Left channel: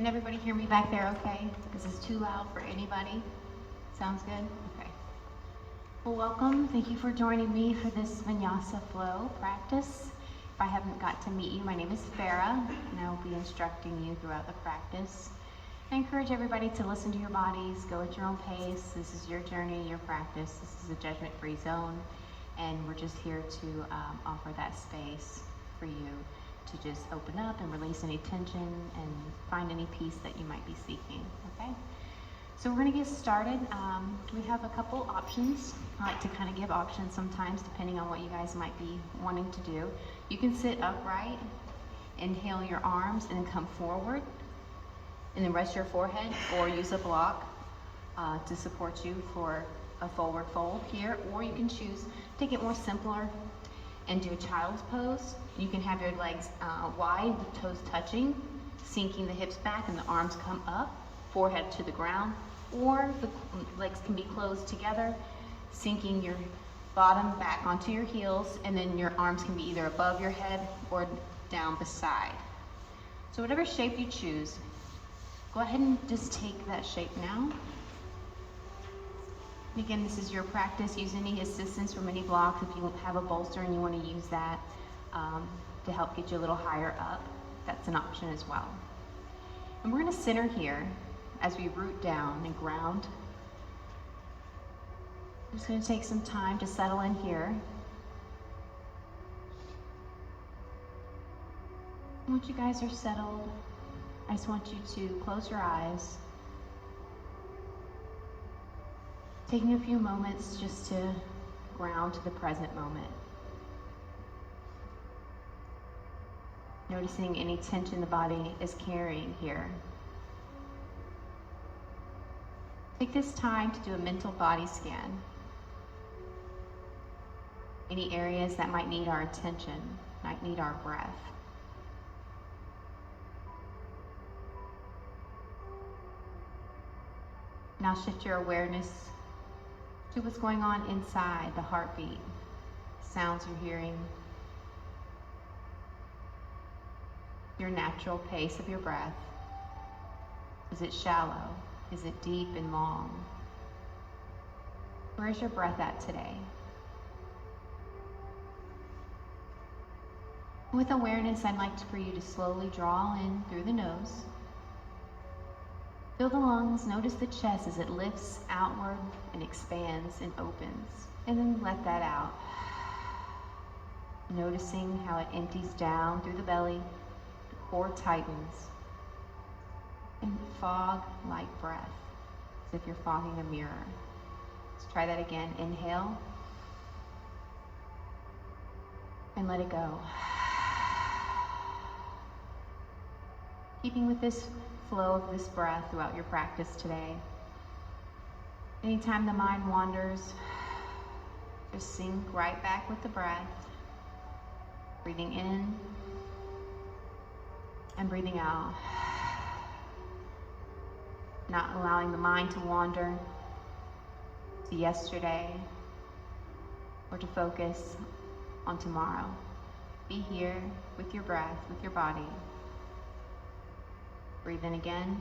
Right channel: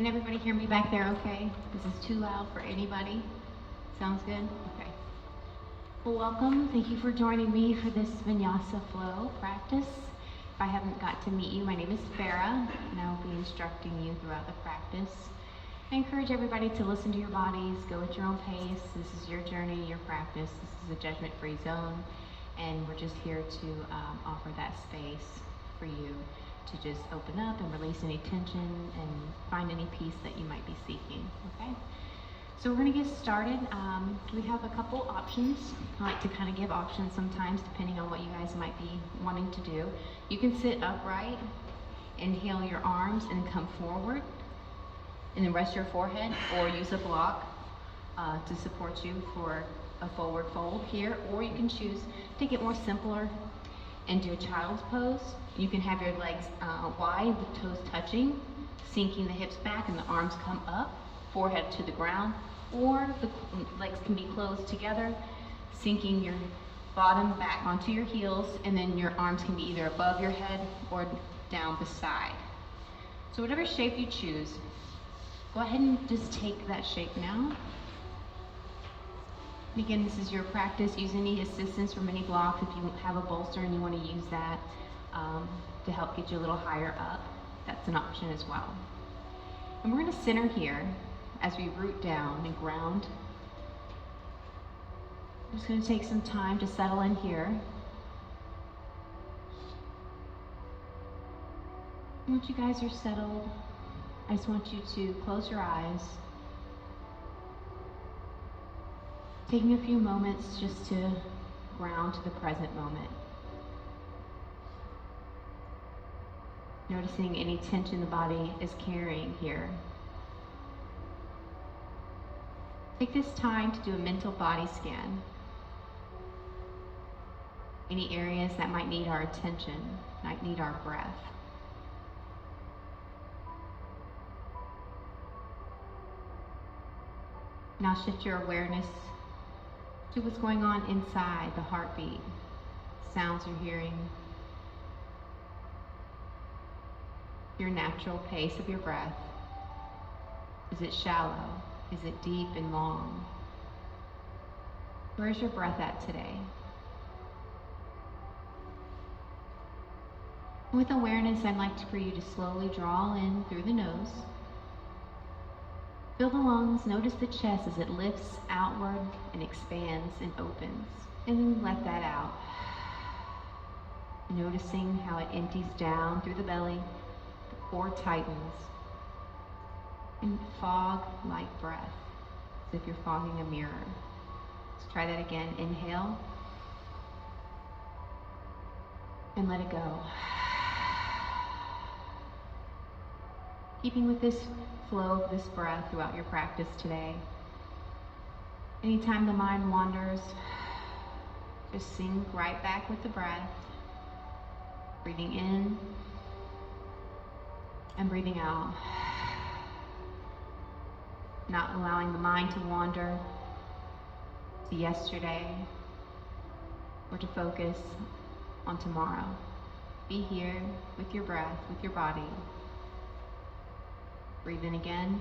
Can everybody hear me back there okay? Is this too loud for anybody? Sounds good? Okay. Well, welcome. Thank you for joining me for this Vinyasa flow practice. If I haven't got to meet you, my name is Farah, and I will be instructing you throughout the practice. I encourage everybody to listen to your bodies, go at your own pace. This is your journey, your practice. This is a judgment-free zone, and we're just here to offer that space for you to just open up and release any tension and find any peace that you might be seeking, okay? So we're gonna get started. We have a couple options. I like to kind of give options sometimes depending on what you guys might be wanting to do. You can sit upright, inhale your arms and then come forward, and then rest your forehead, or use a block to support you for a forward fold here, or you can choose to take it more simpler and do a child's pose. You can have your legs wide with toes touching, sinking the hips back and the arms come up, forehead to the ground, or the legs can be closed together, sinking your bottom back onto your heels, and then your arms can be either above your head or down beside. So whatever shape you choose, go ahead and just take that shape now. And again, this is your practice. Use any assistance from any blocks. If you have a bolster and you want to use that to help get you a little higher up, that's an option as well. And we're going to center here as we root down and ground. I'm just going to take some time to settle in here. Once you guys are settled, I just want you to close your eyes, taking a few moments just to ground to the present moment. Noticing any tension the body is carrying here. Take this time to do a mental body scan. Any areas that might need our attention, might need our breath. Now shift your awareness to what's going on inside the heartbeat, sounds you're hearing, your natural pace of your breath. Is it shallow? Is it deep and long? Where's your breath at today? With awareness, I'd like for you to slowly draw in through the nose. Feel the lungs, notice the chest as it lifts outward and expands and opens. And then let that out. Noticing how it empties down through the belly, the core tightens. And fog-like breath, as if you're fogging a mirror. Let's try that again. Inhale. And let it go. Keeping with this flow of this breath throughout your practice today. Anytime the mind wanders, just sink right back with the breath. Breathing in and breathing out. Not allowing the mind to wander to yesterday or to focus on tomorrow. Be here with your breath, with your body. Breathe in again.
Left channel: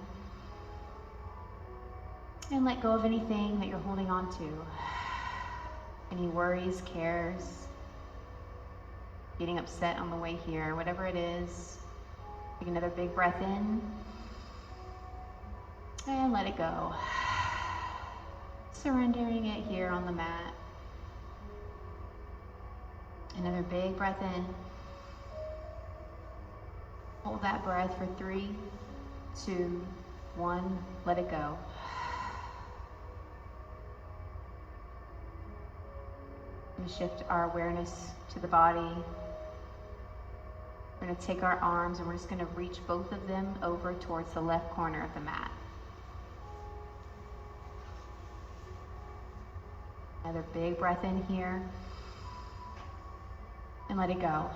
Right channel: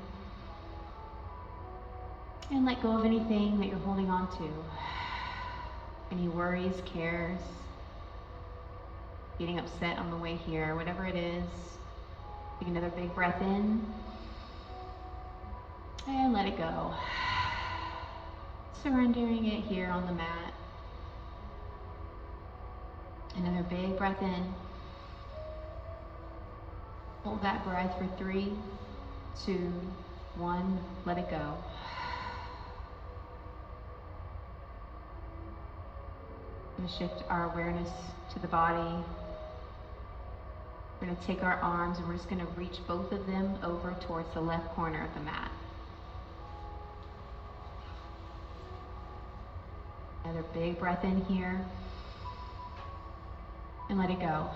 And let go of anything that you're holding on to. Any worries, cares, getting upset on the way here, whatever it is. Take another big breath in. And let it go. Surrendering it here on the mat. Another big breath in. Hold that breath for 3, 2, 1. Let it go. We're going to shift our awareness to the body. We're going to take our arms and we're just going to reach both of them over towards the left corner of the mat. Another big breath in here. And let it go.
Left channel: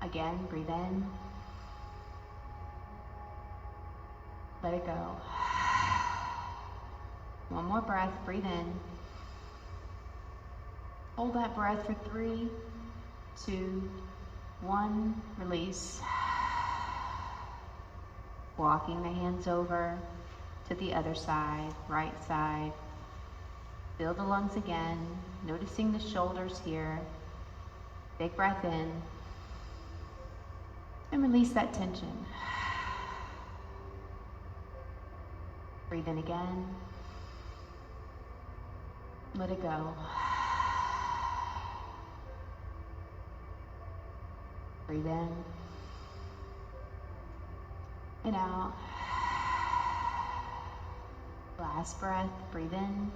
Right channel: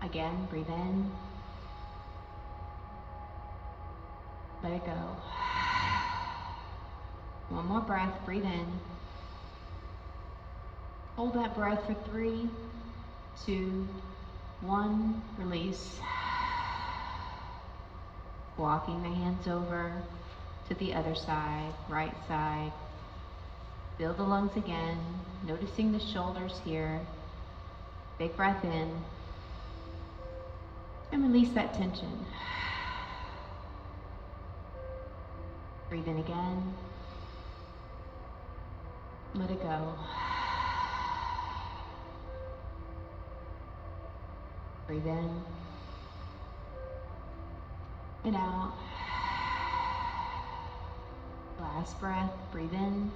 Again, breathe in. Let it go. One more breath, breathe in. Hold that breath for 3, 2, 1, release. Walking the hands over to the other side, right side. Fill the lungs again, noticing the shoulders here. Big breath in. And release that tension. Breathe in again. Let it go. Breathe in and out. Last breath, breathe in.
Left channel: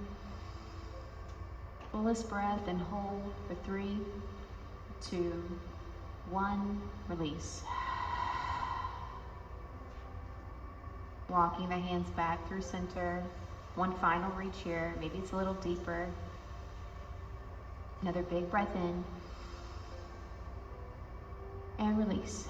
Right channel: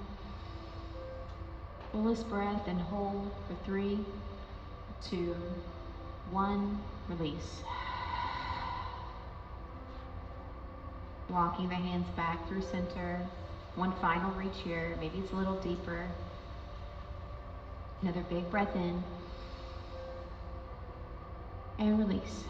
Fullest breath and hold for 3, 2, 1, release. Walking the hands back through center. One final reach here, maybe it's a little deeper. Another big breath in. And release.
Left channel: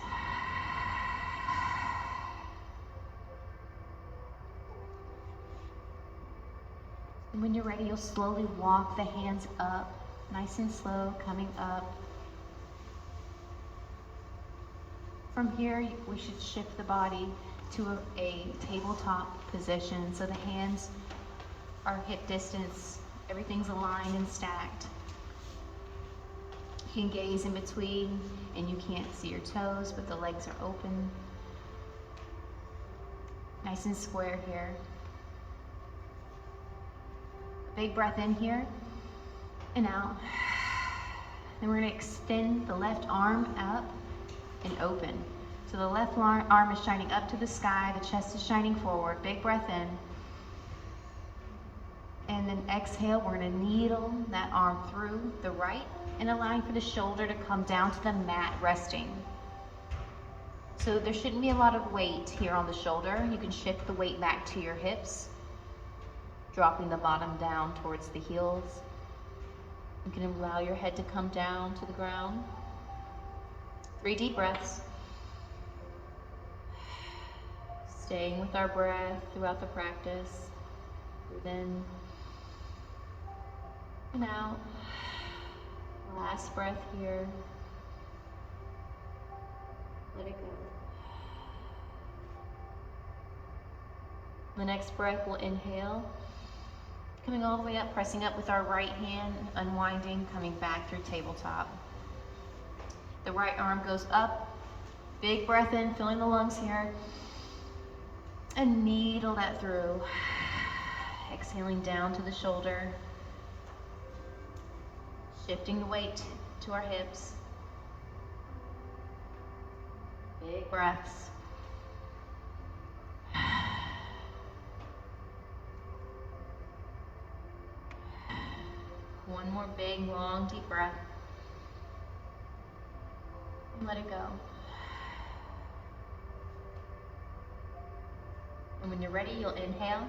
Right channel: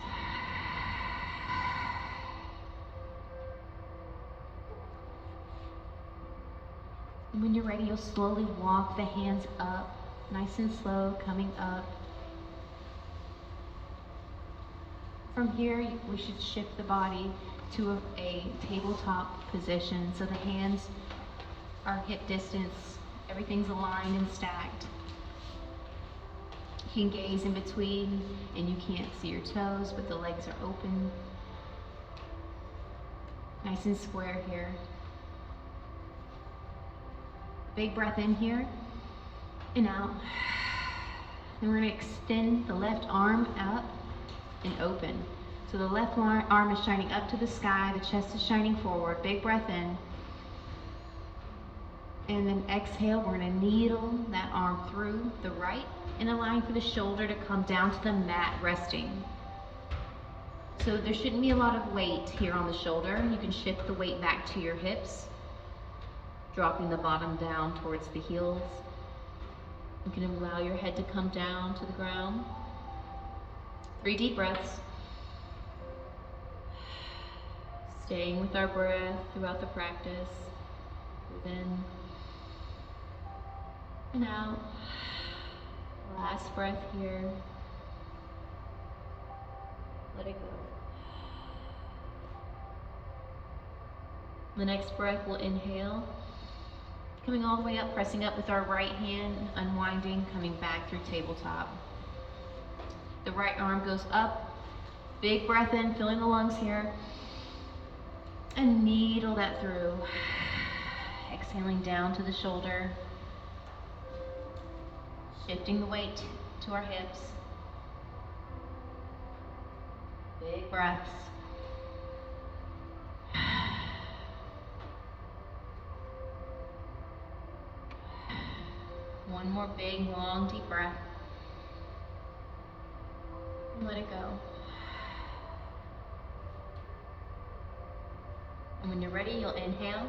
And when you're ready, you'll slowly walk the hands up, nice and slow, coming up. From here, we should shift the body to a tabletop position. So the hands are hip distance, everything's aligned and stacked. You can gaze in between and you can't see your toes, but the legs are open. Nice and square here. A big breath in here and out. Then we're gonna extend the left arm up and open. So the left arm is shining up to the sky, the chest is shining forward. Big breath in. And then exhale, we're gonna needle that arm through the right and align for the shoulder to come down to the mat, resting. So there shouldn't be a lot of weight here on the shoulder. You can shift the weight back to your hips, dropping the bottom down towards the heels. You can allow your head to come down to the ground. 3 deep breaths. Staying with our breath throughout the practice. Breathe in and out. Last breath here. Let it go. The next breath, we'll inhale. Coming all the way up, pressing up with our right hand, unwinding, coming back through tabletop. The right arm goes up. Big breath in, filling the lungs here. And needle that through. Exhaling down to the shoulder. Shifting the weight to our hips. Big breaths. One more big, long, deep breath. And let it go. And when you're ready, you'll inhale.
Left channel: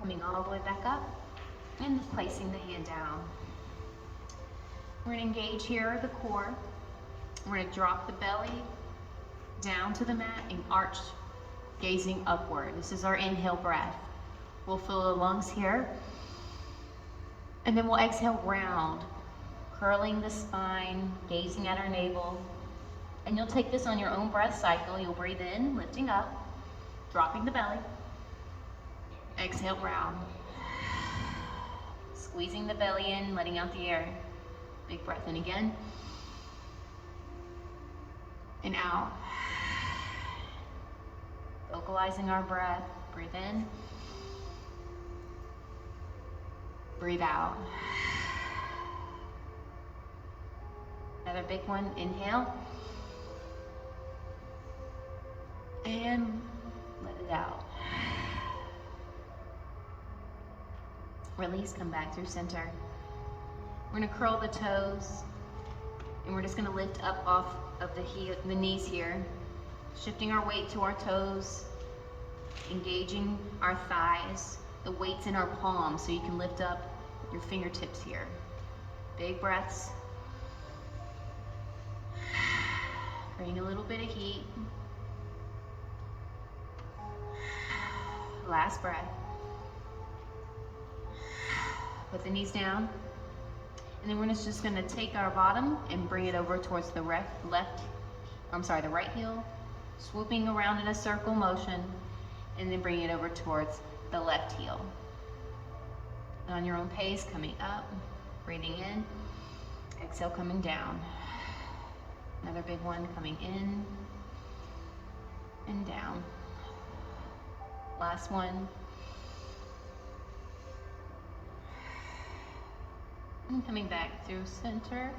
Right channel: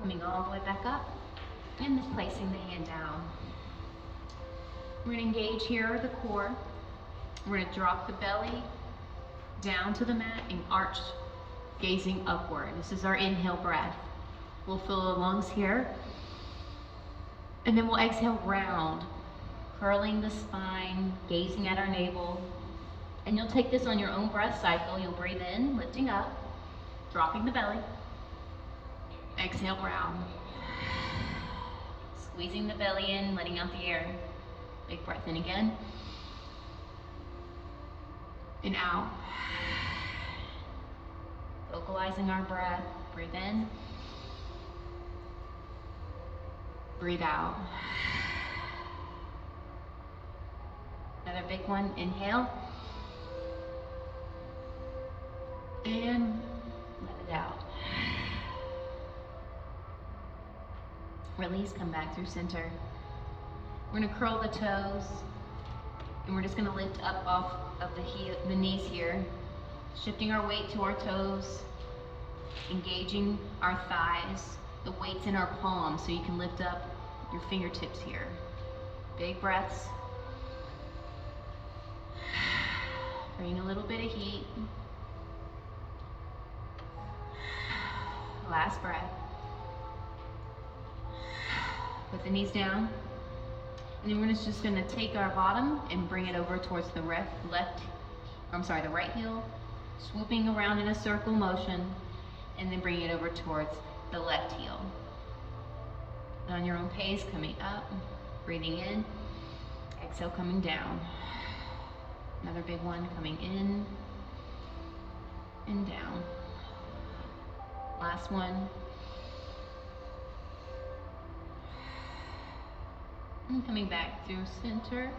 Coming all the way back up. And placing the hand down. We're gonna engage here the core. We're gonna drop the belly down to the mat and arch, gazing upward. This is our inhale breath. We'll fill the lungs here. And then we'll exhale round, curling the spine, gazing at our navel. And you'll take this on your own breath cycle. You'll breathe in, lifting up, dropping the belly. Exhale round. Squeezing the belly in, letting out the air. Big breath in again. And out. Vocalizing our breath. Breathe in. Breathe out. Another big one. Inhale. And let it out. Release, come back through center. We're gonna curl the toes and we're just gonna lift up off of the knees here, shifting our weight to our toes, engaging our thighs. The weight's in our palms, so you can lift up your fingertips here. Big breaths. Bring a little bit of heat. Last breath. Put the knees down. And then we're just gonna take our bottom and bring it over towards the right heel. swooping around in a circle motion, and then bringing it over towards the left heel. And on your own pace, coming up, breathing in, exhale, coming down. Another big one, coming in and down. Last one. And coming back through center,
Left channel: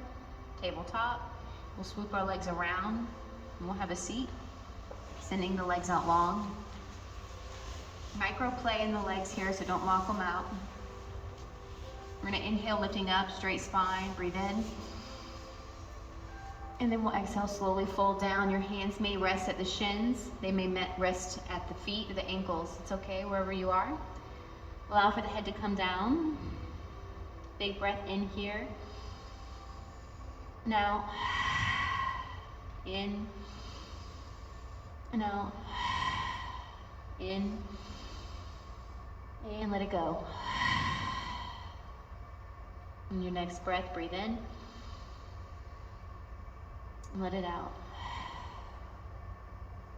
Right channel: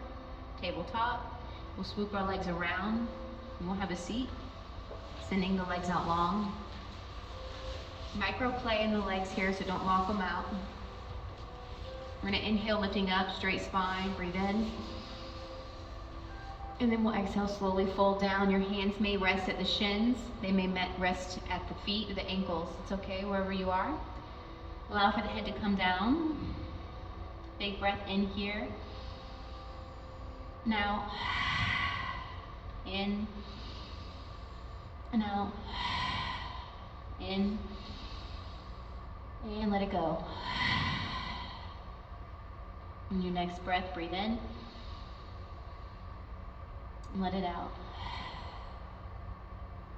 tabletop. We'll swoop our legs around and we'll have a seat, sending the legs out long. Micro play in the legs here, so don't lock them out. We're gonna inhale, lifting up, straight spine, breathe in. And then we'll exhale, slowly fold down. Your hands may rest at the shins. They may rest at the feet or the ankles. It's okay, wherever you are. Allow for the head to come down. Big breath in here. Now, in and out. In and let it go. On your next breath, breathe in. Let it out.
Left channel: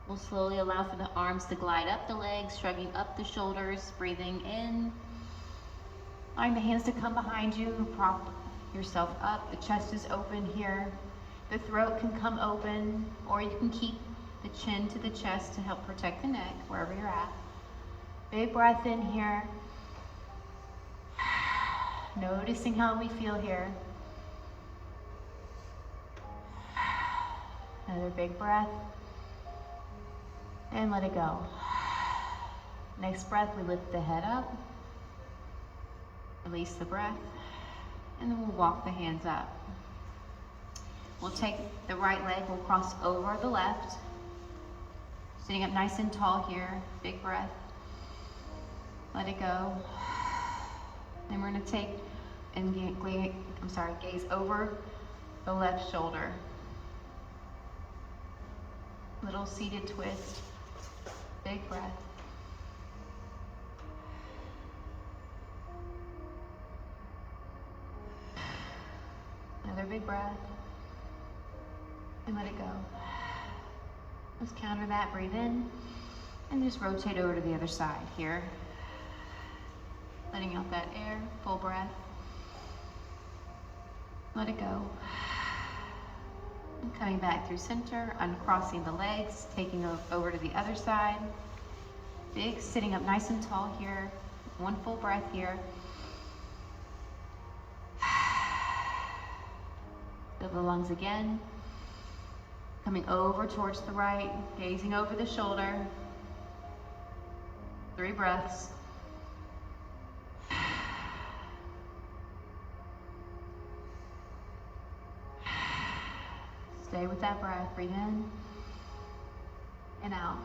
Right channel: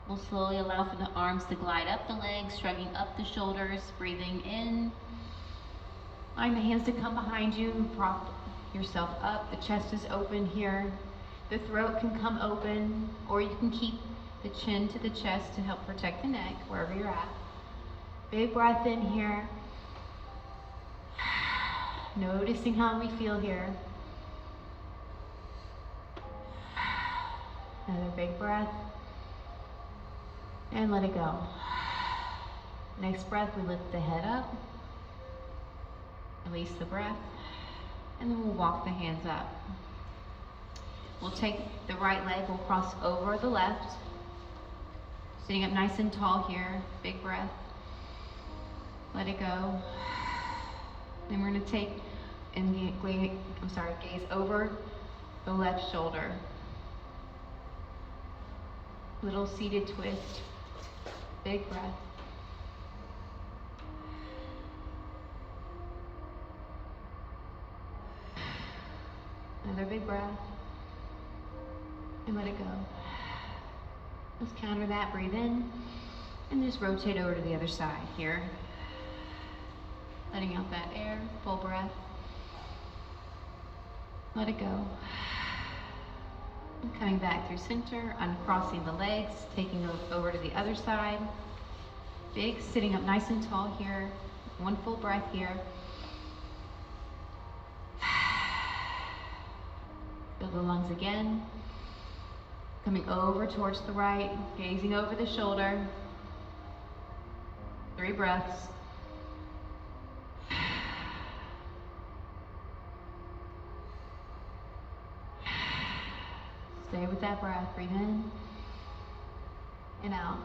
We'll slowly allow for the arms to glide up the legs, shrugging up the shoulders, breathing in. Allowing the hands to come behind you, prop yourself up. The chest is open here. The throat can come open, or you can keep the chin to the chest to help protect the neck, wherever you're at. Big breath in here. Noticing how we feel here. Another big breath. And let it go. Next breath, we lift the head up. Release the breath. And then we'll walk the hands up. We'll take the right leg, we'll cross over the left. Sitting up nice and tall here. Big breath. Let it go. Then we're gonna take and gaze over the left shoulder. Little seated twist. Big breath. Another big breath. And let it go. Let's counter that, breathe in, and just rotate over to the other side here. Letting out that air, full breath. Let it go. And coming back through center, uncrossing the legs, taking over to the other side. Big, sitting up nice and tall here. One full breath here. Fill the lungs again. Coming over towards the right, gazing over the shoulder. 3 breaths. Stay with that breath. Breathe in and out.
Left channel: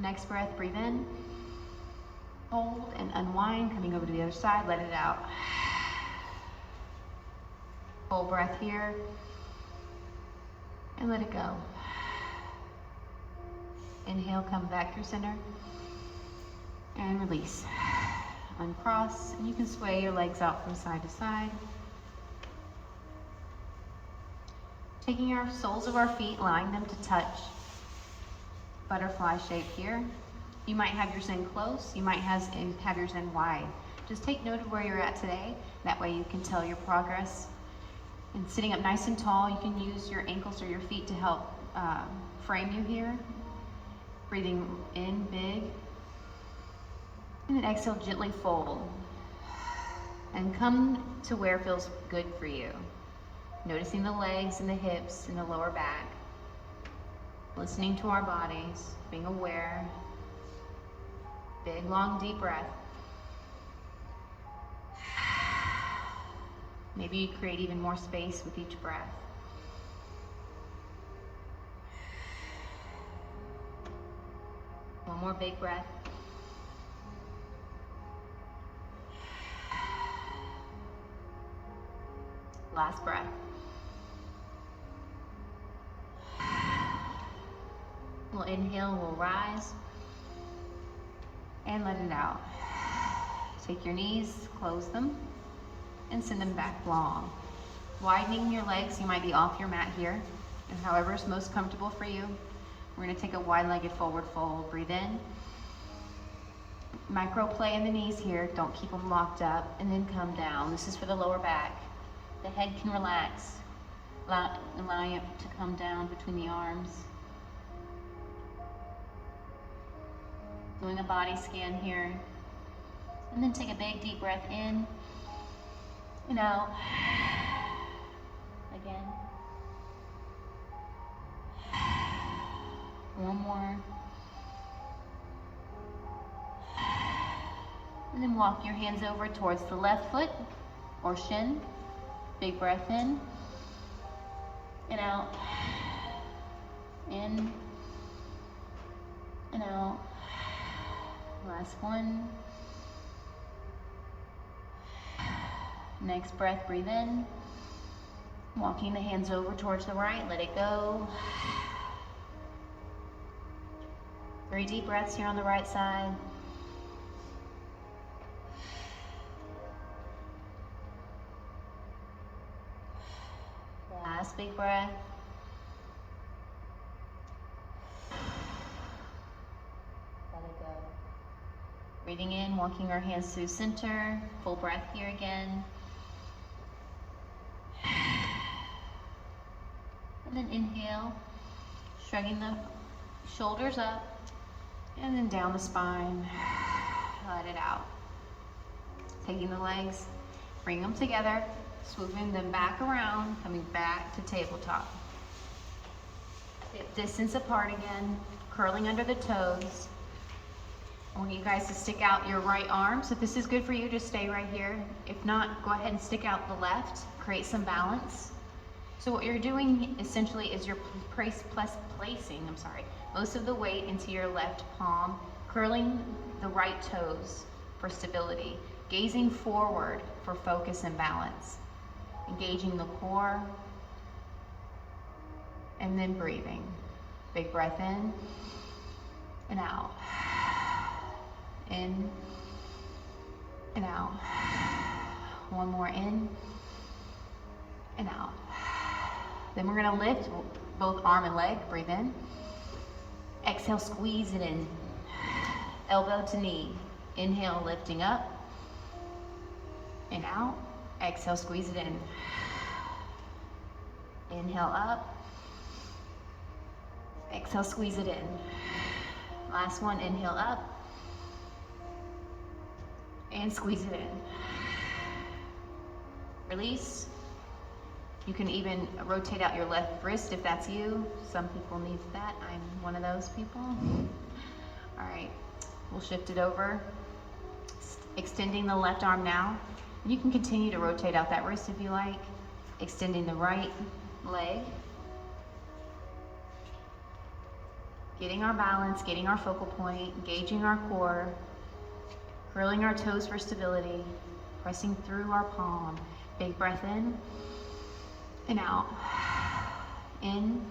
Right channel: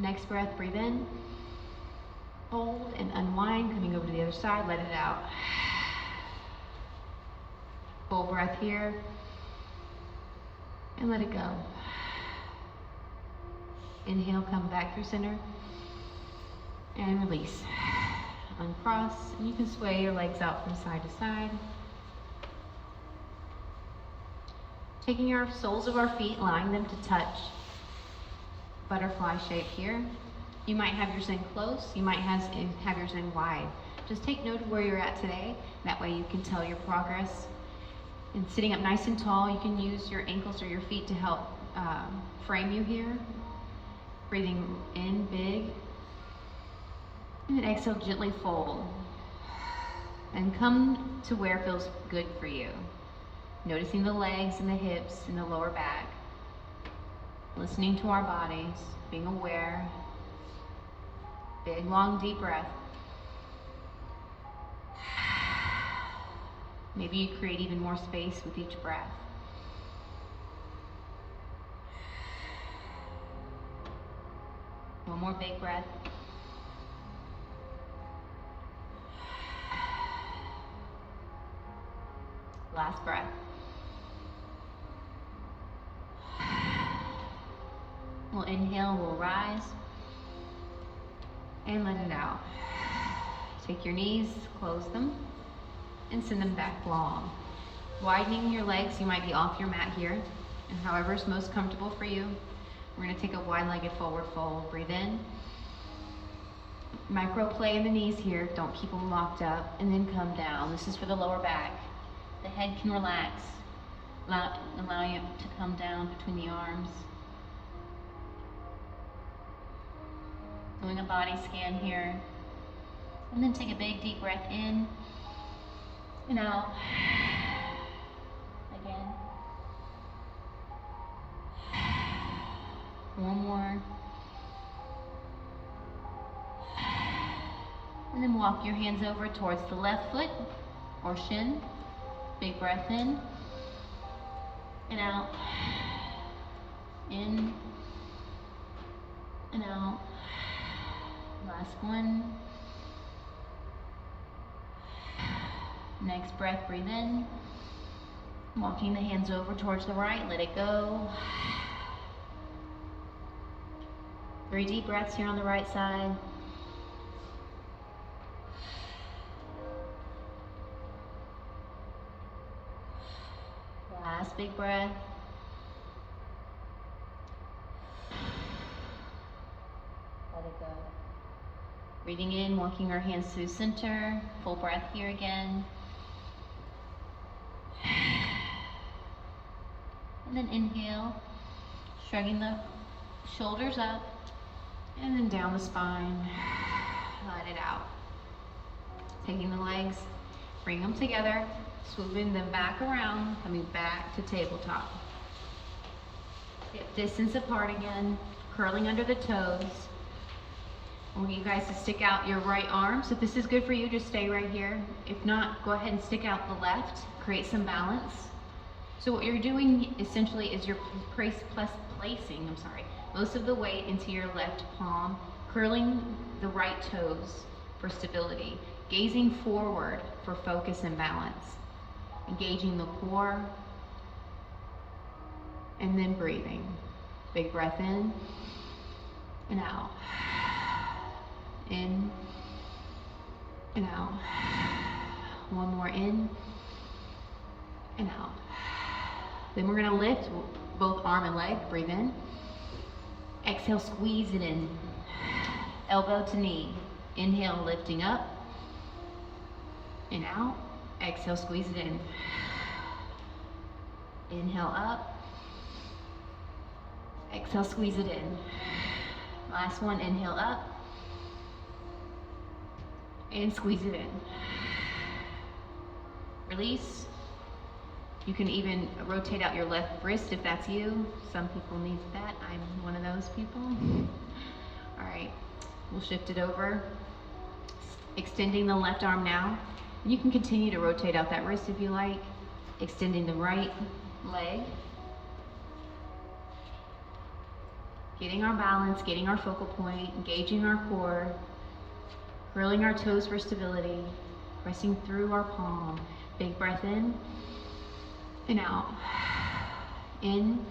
Next breath, breathe in. Hold and unwind, coming over to the other side, let it out. Full breath here. And let it go. Inhale, come back through center. And release. Uncross, and you can sway your legs out from side to side. Taking our soles of our feet, allowing them to touch. Butterfly shape here. You might have yours in close, you might have yours in wide. Just take note of where you're at today. That way you can tell your progress. And sitting up nice and tall, you can use your ankles or your feet to help frame you here. Breathing in big. And then exhale, gently fold. And come to where feels good for you. Noticing the legs and the hips and the lower back. Listening to our bodies, being aware. Big, long, deep breath. Maybe you create even more space with each breath. One more big breath. Last breath. We'll inhale, we'll rise, and let it out. Take your knees, close them, and send them back long. Widening your legs, you might be off your mat here, and however is most comfortable for you. We're gonna take a wide-legged forward fold. Breathe in. Micro play in the knees here. Don't keep them locked up. And then come down. This is for the lower back. The head can relax. Allow you to come down between the arms. Doing a body scan here. And then take a big deep breath in and out. Again. One more. And then walk your hands over towards the left foot or shin. Big breath in and out. In and out. Last one. Next breath, breathe in. Walking the hands over towards the right, let it go. 3 deep breaths here on the right side. Last big breath. Let it go. Breathing in, walking our hands through center. Full breath here again. And then inhale, shrugging the shoulders up, and then down the spine. Let it out. Taking the legs, bring them together, swooping them back around, coming back to tabletop. Hip distance apart again, curling under the toes. I want you guys to stick out your right arm. So if this is good for you, just stay right here. If not, go ahead and stick out the left, create some balance. So what you're doing essentially is you're placing most of the weight into your left palm, curling the right toes for stability, gazing forward for focus and balance, engaging the core, and then breathing. Big breath in and out. In and out. One more in and out. Then we're gonna lift both arm and leg. Breathe in. Exhale, squeeze it in. Elbow to knee. Inhale, lifting up and out. Exhale, squeeze it in. Inhale up. Exhale, squeeze it in. Last one, inhale up and squeeze it in. Release. You can even rotate out your left wrist if that's you. Some people need that. I'm one of those people. All right, we'll shift it over. Extending the left arm now. And you can continue to rotate out that wrist if you like. Extending the right leg. Getting our balance, getting our focal point, engaging our core, curling our toes for stability, pressing through our palm. Big breath in and out. In,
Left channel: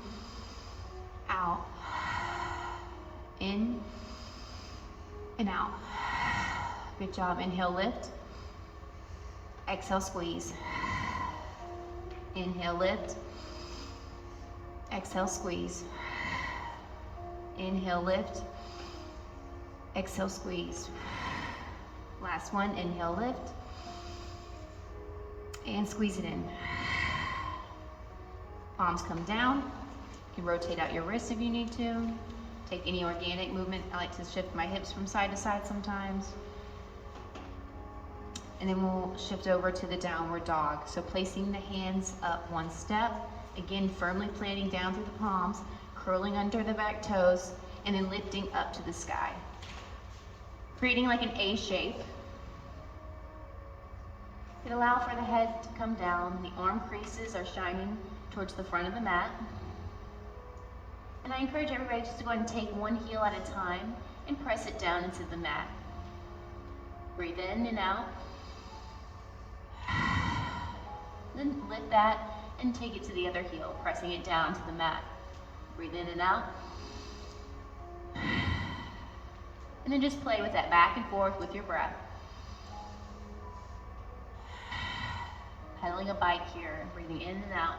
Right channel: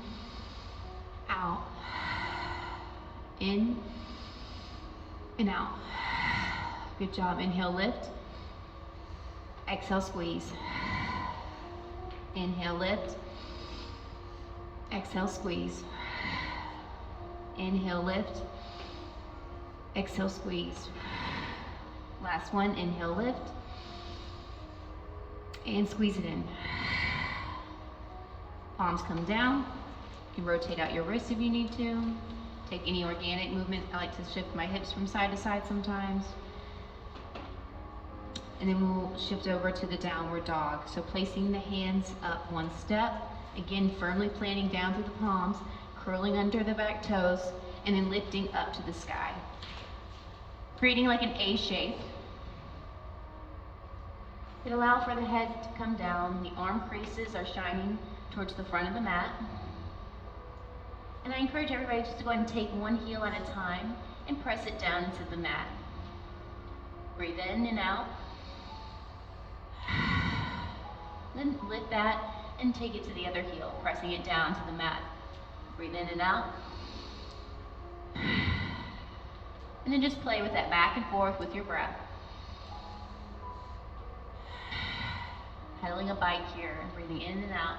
out. In and out. Good job. Inhale, lift. Exhale, squeeze. Inhale, lift. Exhale, squeeze. Inhale, lift. Exhale, squeeze. Last one, inhale, lift. And squeeze it in. Palms come down. You can rotate out your wrists if you need to. Take any organic movement. I like to shift my hips from side to side sometimes. And then we'll shift over to the downward dog. So placing the hands up one step. Again, firmly planting down through the palms, curling under the back toes, and then lifting up to the sky. Creating like an A shape. It allows for the head to come down. The arm creases are shining towards the front of the mat. And I encourage everybody just to go ahead and take one heel at a time and press it down into the mat. Breathe in and out. Then lift that and take it to the other heel, pressing it down to the mat. Breathe in and out. And then just play with that back and forth with your breath. Pedaling a bike here, breathing in and out.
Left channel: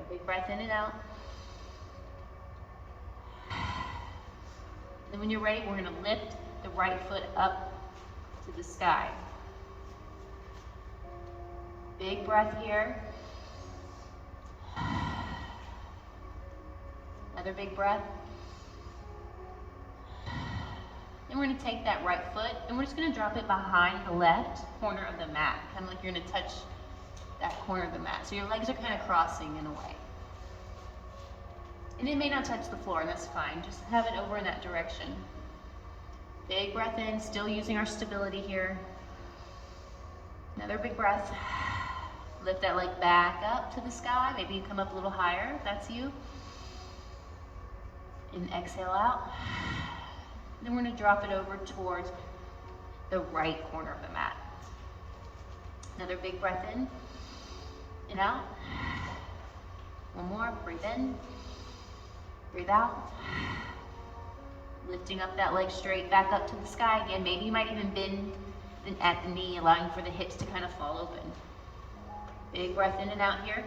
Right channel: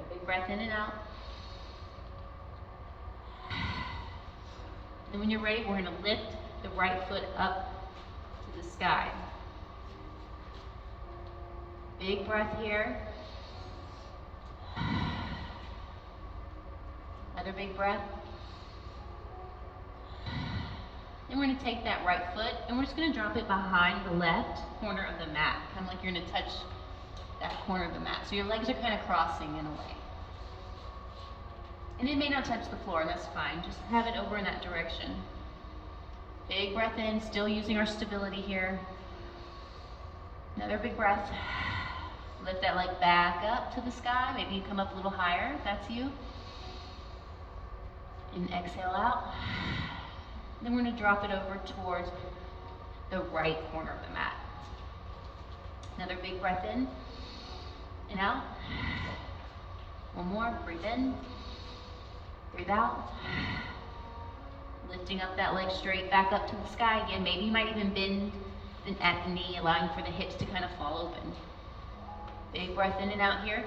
A breath in and out. And when you're ready, we're going to lift the right foot up to the sky. Big breath here. Another big breath. Then we're going to take that right foot and we're just going to drop it behind the left corner of the mat, kind of like you're going to touch that corner of the mat. So your legs are kind of crossing in a way. And it may not touch the floor, and that's fine. Just have it over in that direction. Big breath in, still using our stability here. Another big breath. Lift that leg back up to the sky. Maybe you come up a little higher, if that's you. And exhale out. Then we're going to drop it over towards the right corner of the mat. Another big breath in and out. One more, breathe in, breathe out. Lifting up that leg straight back up to the sky again. Maybe you might even bend at the knee, allowing for the hips to kind of fall open. Big breath in and out here.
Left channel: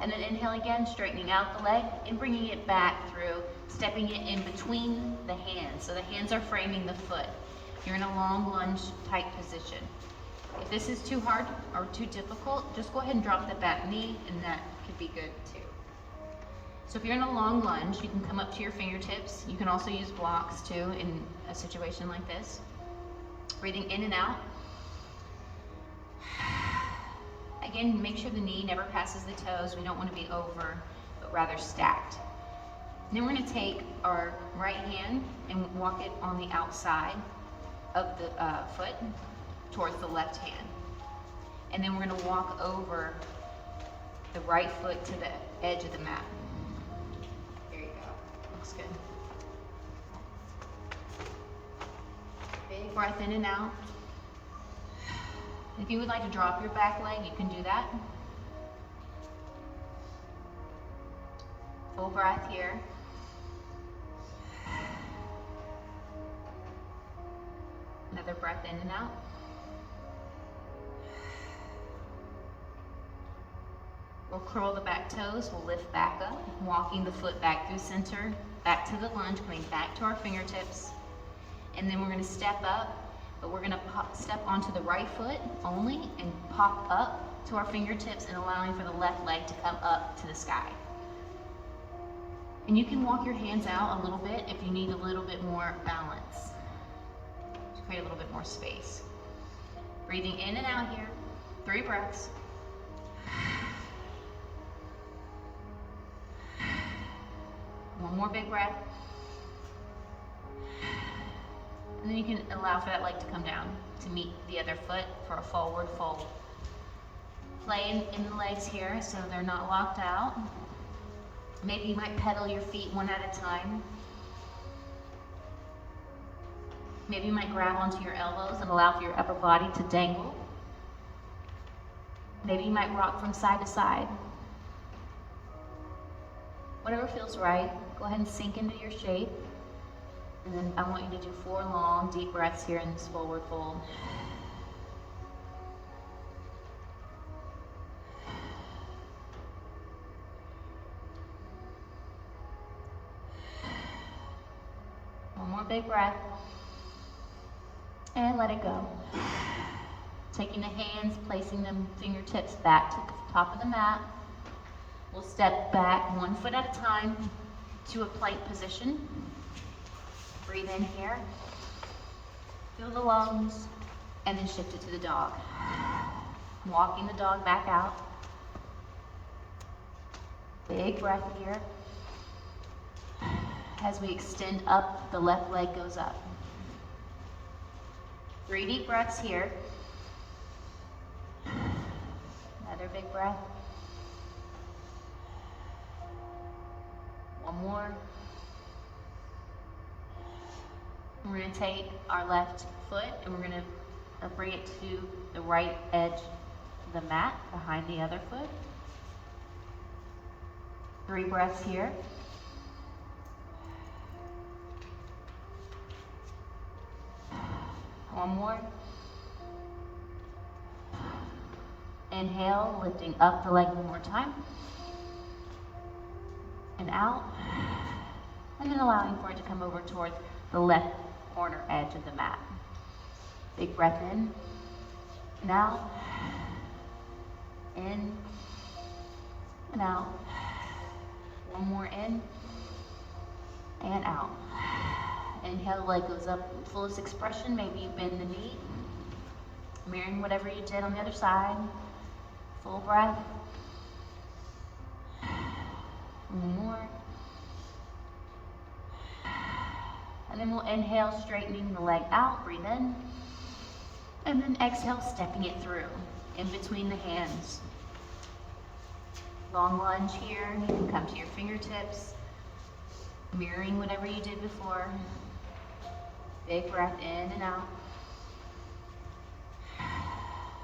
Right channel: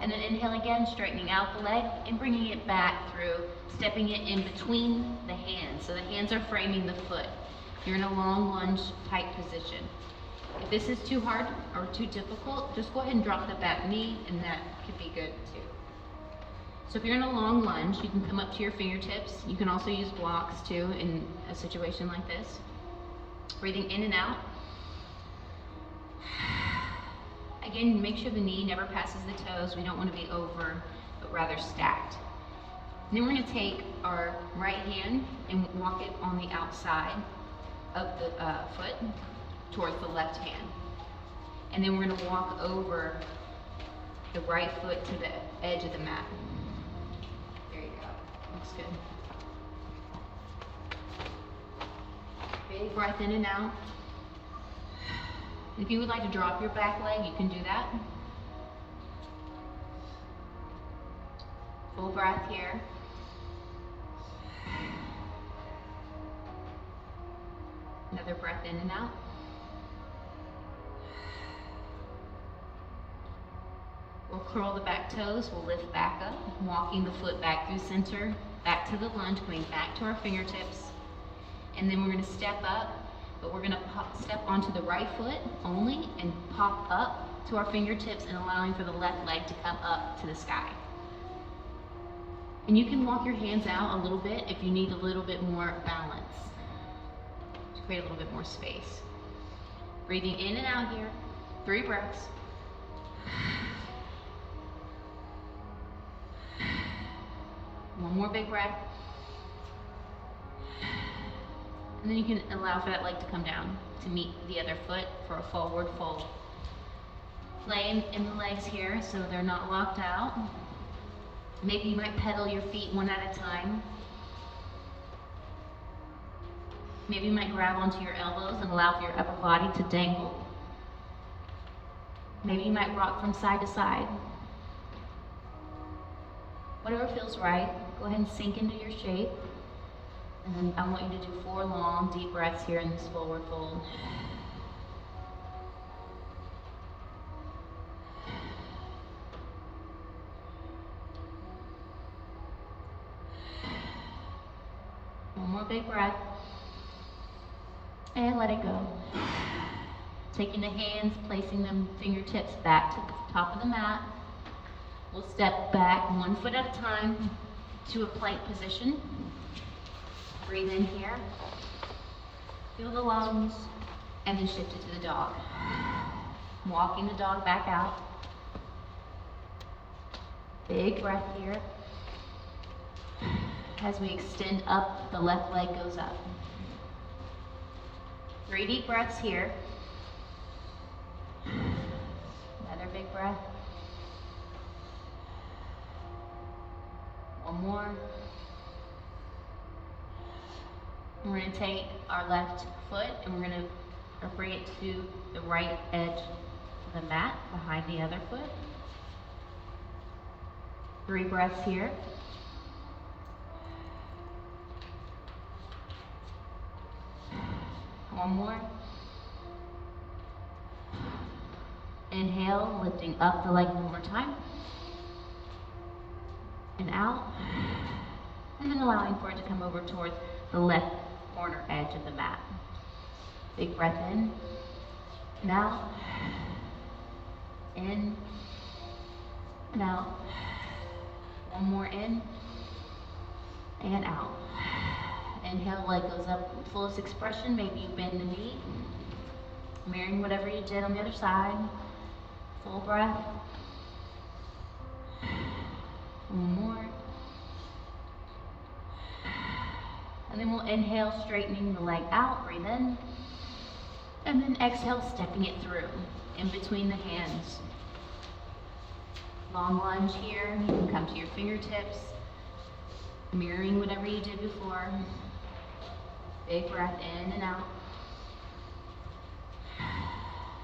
And then inhale again, straightening out the leg and bringing it back through, stepping it in between the hands. So the hands are framing the foot. You're in a long lunge type position. If this is too hard or too difficult, just go ahead and drop the back knee, and that could be good too. So if you're in a long lunge, you can come up to your fingertips. You can also use blocks too in a situation like this. Breathing in and out. Again, make sure the knee never passes the toes. We don't want to be over, but rather stacked. And then we're going to take our right hand and walk it on the outside of the foot towards the left hand. And then we're going to walk over the right foot to the edge of the mat. There you go. Looks good. Big breath in and out. If you would like to drop your back leg, you can do that. Full breath here. Another breath in and out. We'll curl the back toes, we'll lift back up, walking the foot back through center, back to the lunge, coming back to our fingertips. And then we're going to step up, but we're going to step onto the right foot only and pop up to our fingertips and allowing for the left leg to come up to the sky. And you can walk your hands out a little bit if you need a little bit more balance to create a little bit more space. Breathing in and out here, 3 breaths. One more big breath. And then you can allow for that leg to come down to meet the other foot for a forward fold. Play in the legs here so they're not locked out. Maybe you might pedal your feet one at a time. Maybe you might grab onto your elbows and allow for your upper body to dangle. Maybe you might rock from side to side. Whatever feels right, go ahead and sink into your shape. And then I want you to do 4 long, deep breaths here in this forward fold. One more big breath. And let it go. Taking the hands, placing them fingertips back to the top of the mat. We'll step back 1 foot at a time to a plank position. Breathe in here. Feel the lungs, and then shift it to the dog. Walking the dog back out. Big breath here. As we extend up, the left leg goes up. 3 deep breaths here. Another big breath. One more. We're going to take our left foot and we're going to bring it to the right edge of the mat behind the other foot. 3 breaths here. One more. Inhale, lifting up the leg one more time. And out. And then allowing for it to come over towards the left corner edge of the mat. Big breath in and out. In and out. One more in and out. Inhale, leg goes up, fullest expression. Maybe you bend the knee, mirroring whatever you did on the other side. Full breath. One more. And then we'll inhale, straightening the leg out, breathe in. And then exhale, stepping it through, in between the hands. Long lunge here, you can come to your fingertips, mirroring whatever you did before. Big breath in and out.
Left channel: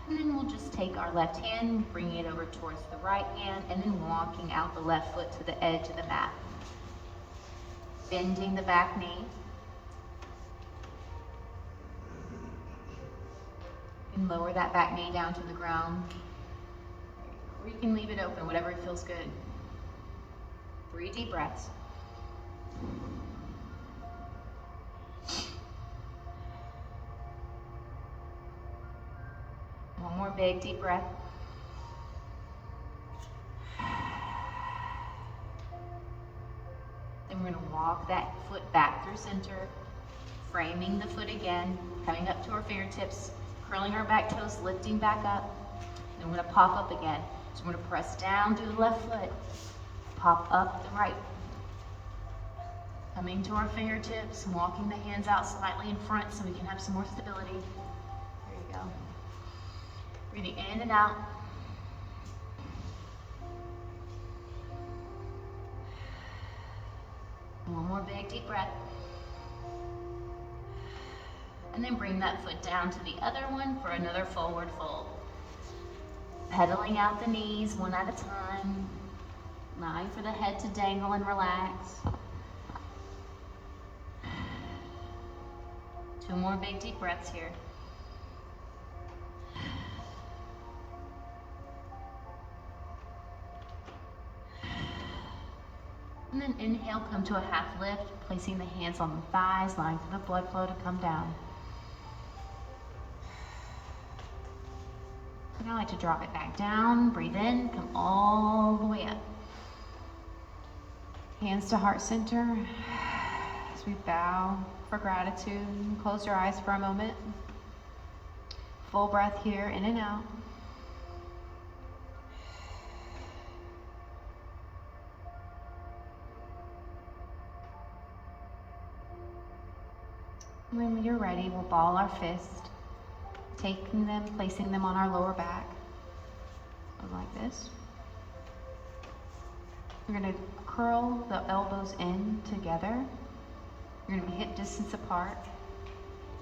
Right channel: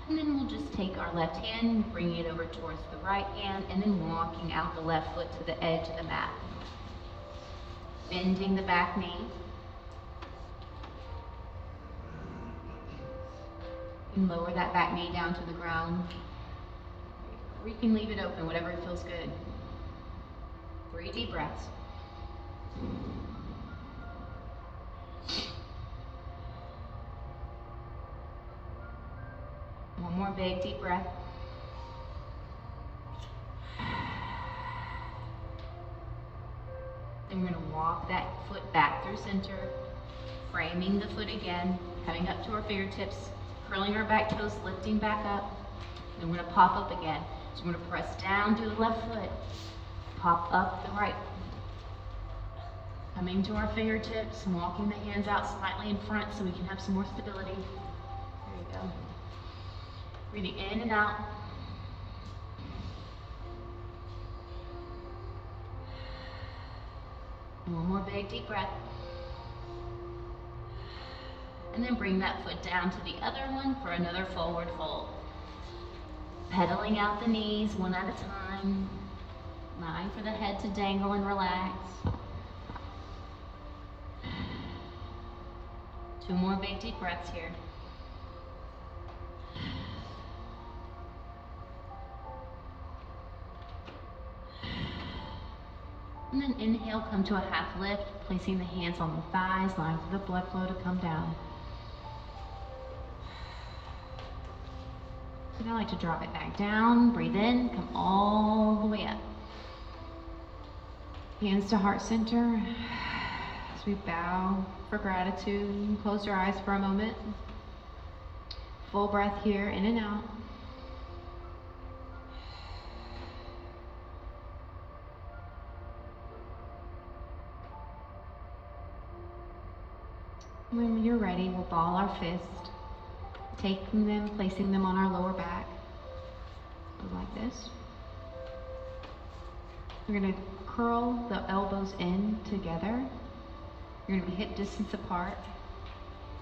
And then we'll just take our left hand, bringing it over towards the right hand, and then walking out the left foot to the edge of the mat. Bending the back knee. And lower that back knee down to the ground. Or you can leave it open, whatever feels good. 3 deep breaths. One more big deep breath. Then we're going to walk that foot back through center, framing the foot again, coming up to our fingertips, curling our back toes, lifting back up. Then we're going to pop up again. So we're going to press down through the left foot, pop up the right. Coming to our fingertips, walking the hands out slightly in front so we can have some more stability. There you go. Breathing in and out. One more big deep breath. And then bring that foot down to the other one for another forward fold. Pedaling out the knees one at a time. Allowing for the head to dangle and relax. 2 more big deep breaths here. And then inhale, come to a half lift, placing the hands on the thighs, allowing for the blood flow to come down. So now I like to drop it back down, breathe in, come all the way up. Hands to heart center as we bow for gratitude. You can close your eyes for a moment. Full breath here, in and out. When you're ready, we'll ball our fist, taking them, placing them on our lower back, like this. We're going to curl the elbows in together. You're going to be hip distance apart,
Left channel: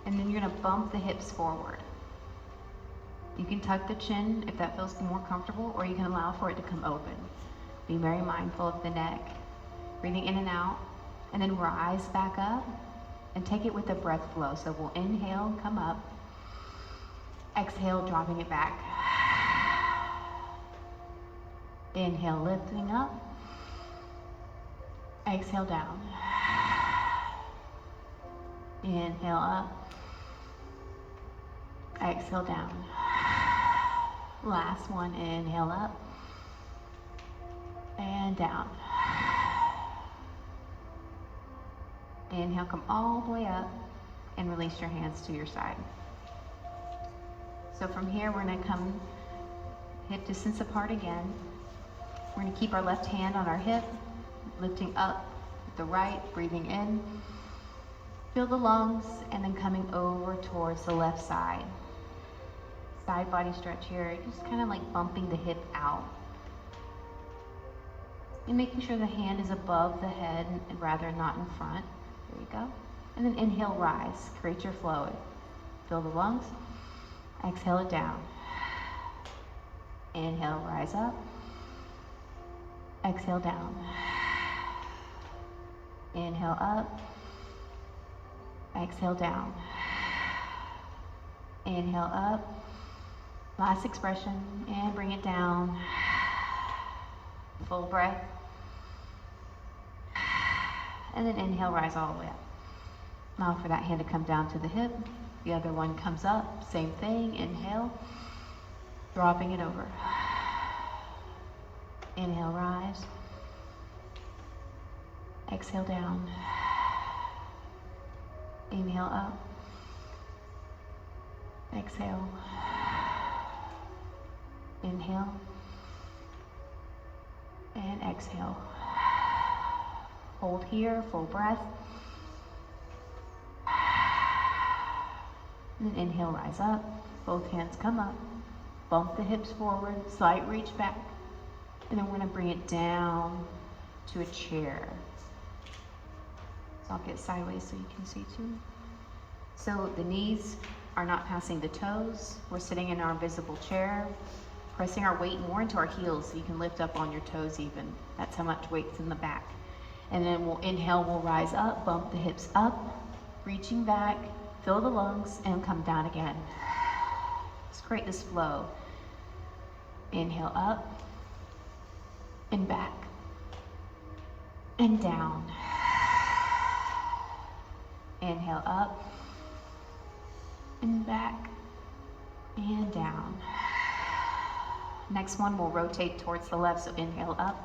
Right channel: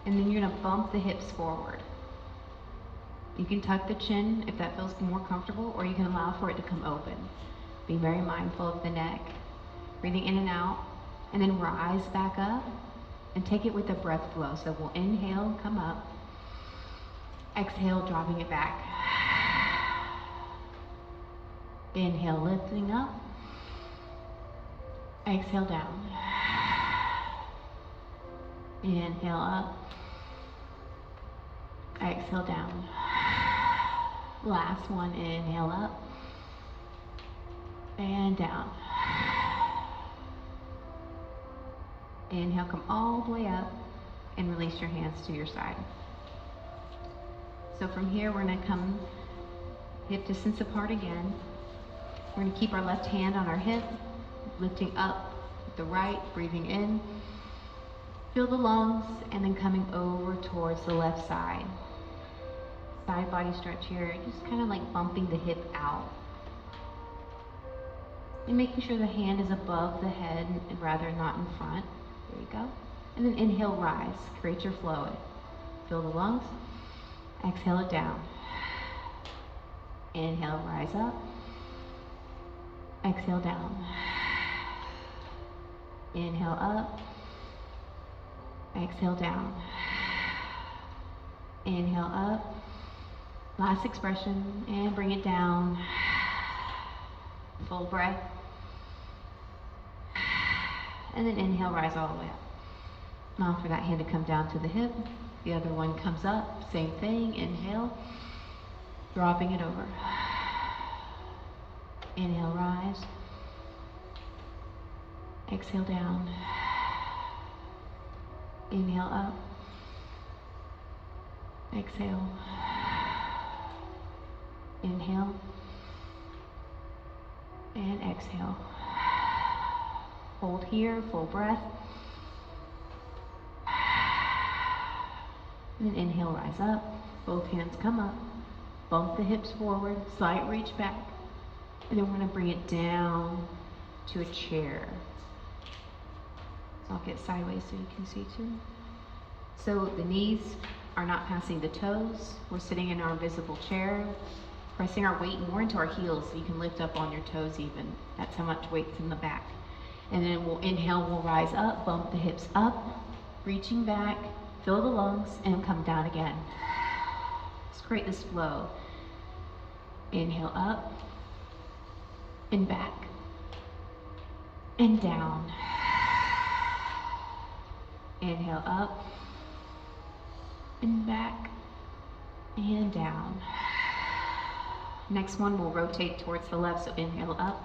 and then you're going to bump the hips forward. You can tuck the chin if that feels more comfortable, or you can allow for it to come open. Be very mindful of the neck. Breathing in and out, and then rise back up. And take it with a breath flow. So we'll inhale, come up. Exhale, dropping it back. Inhale, lifting up. Exhale, down. Inhale, up. Exhale, down. Last one, inhale, up. And down. Inhale, come all the way up and release your hands to your side. So from here, we're going to come hip distance apart again. We're going to keep our left hand on our hip, lifting up with the right, breathing in. Feel the lungs, and then coming over towards the left side. Side body stretch here, just kind of like bumping the hip out. And making sure the hand is above the head and rather not in front. There you go. And then inhale, rise. Create your flow. Fill the lungs. Exhale it down. Inhale, rise up. Exhale, down. Inhale, up. Exhale, down. Inhale, up. Last expression, and bring it down. Full breath. And then inhale, rise all the way up. Now for that hand to come down to the hip. The other one comes up, same thing, inhale. Dropping it over. Inhale, rise. Exhale, down. Inhale, up. Exhale. Inhale. And exhale. Hold here, full breath. And then inhale, rise up. Both hands come up. Bump the hips forward, slight reach back. And then we're gonna bring it down to a chair. So I'll get sideways so you can see too. So the knees are not passing the toes. We're sitting in our invisible chair, pressing our weight more into our heels so you can lift up on your toes even. That's how much weight's in the back. And then we'll inhale, we'll rise up, bump the hips up, reaching back, fill the lungs, and come down again. Let's create this flow. Inhale up, and back, and down. Inhale up, and back, and down. Next one, we'll rotate towards the left, so inhale up,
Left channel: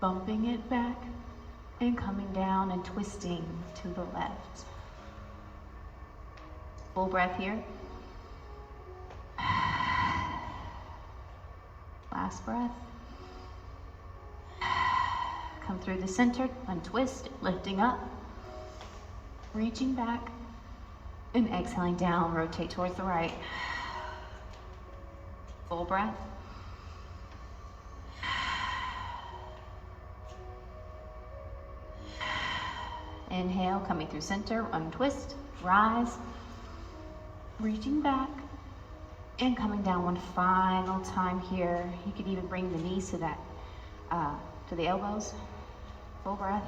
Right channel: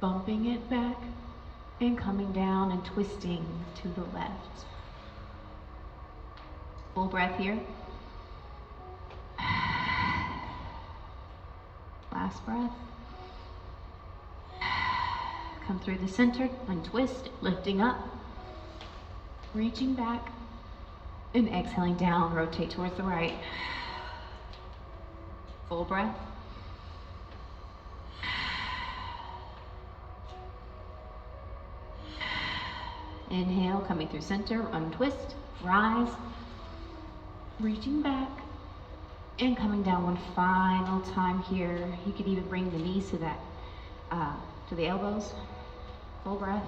bumping it back, and coming down and twisting to the left. Full breath here. Last breath. Come through the center, untwist, lifting up, reaching back, and exhaling down, rotate towards the right. Full breath. Inhale, coming through center, untwist, rise, reaching back, and coming down one final time here. You could even bring the knees to that, to the elbows. Full breath.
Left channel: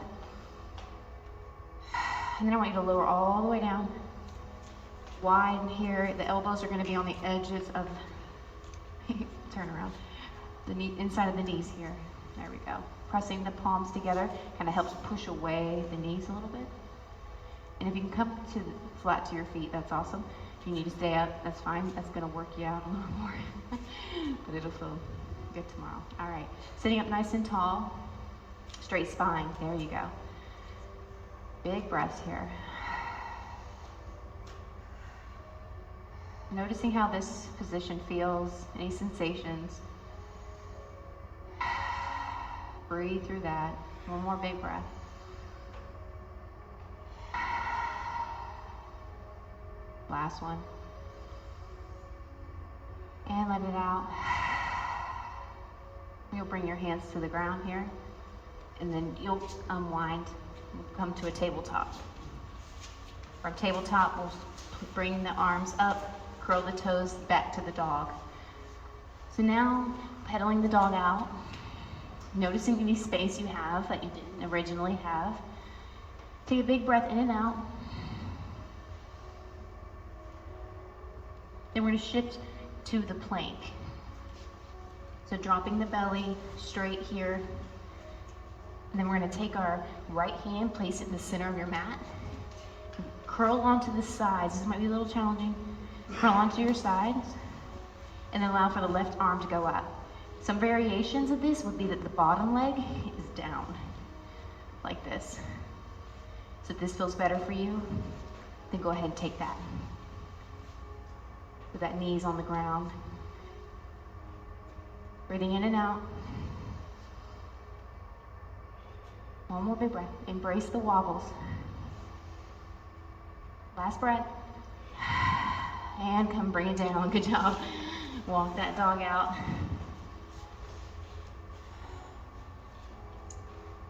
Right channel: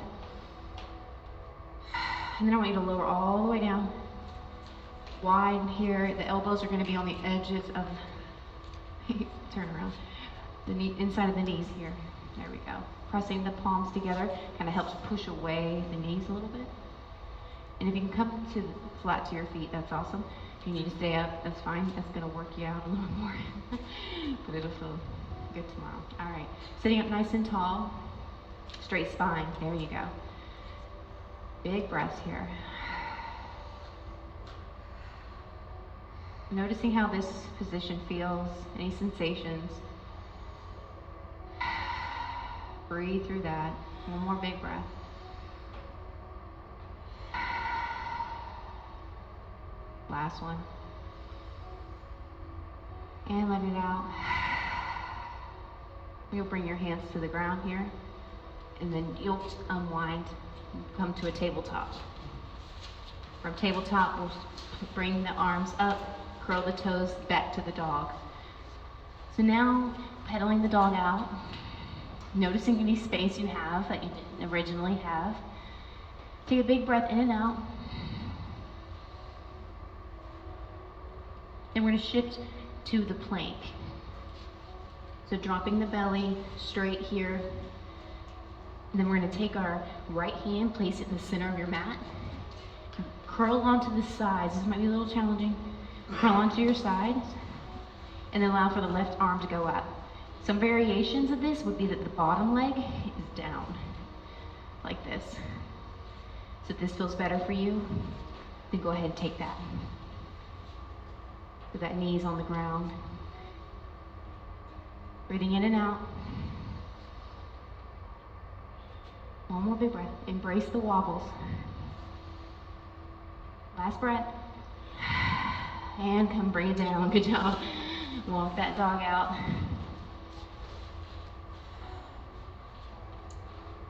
And then I want you to lower all the way down. Wide here. The elbows are going to be on the edges of, turn around, the knee, inside of the knees here. There we go. Pressing the palms together kind of helps push away the knees a little bit. And if you can come to flat to your feet, that's awesome. If you need to stay up, that's fine. That's going to work you out a little more. But it'll feel good tomorrow. All right. Sitting up nice and tall. Straight spine. There you go. Big breaths here. Noticing how this position feels. Any sensations. Breathe through that. One more big breath. Last one. And let it out. You'll bring your hands to the ground here, and then you'll unwind and come to a tabletop. From tabletop, we'll bring the arms up, curl the toes back to the dog. So now, pedaling the dog out, noticing any space you have that you didn't originally have. Take a big breath in and out. Then we're going to shift to the plank. So dropping the belly straight here. And then we're going to take our right hand, place it in the center of your mat. Curl onto the sides. This might be a little challenging. Curl onto your sides. And then allow for the left arm to go up. Some variations of this would be that the bottom leg is down, like this. So if this feels better for you, then go ahead and take that. So that knee's on the ground. Breathing in and out. One more big breath. Embrace the wobbles. Last breath. And come bring it down. Good job. Walk that dog out.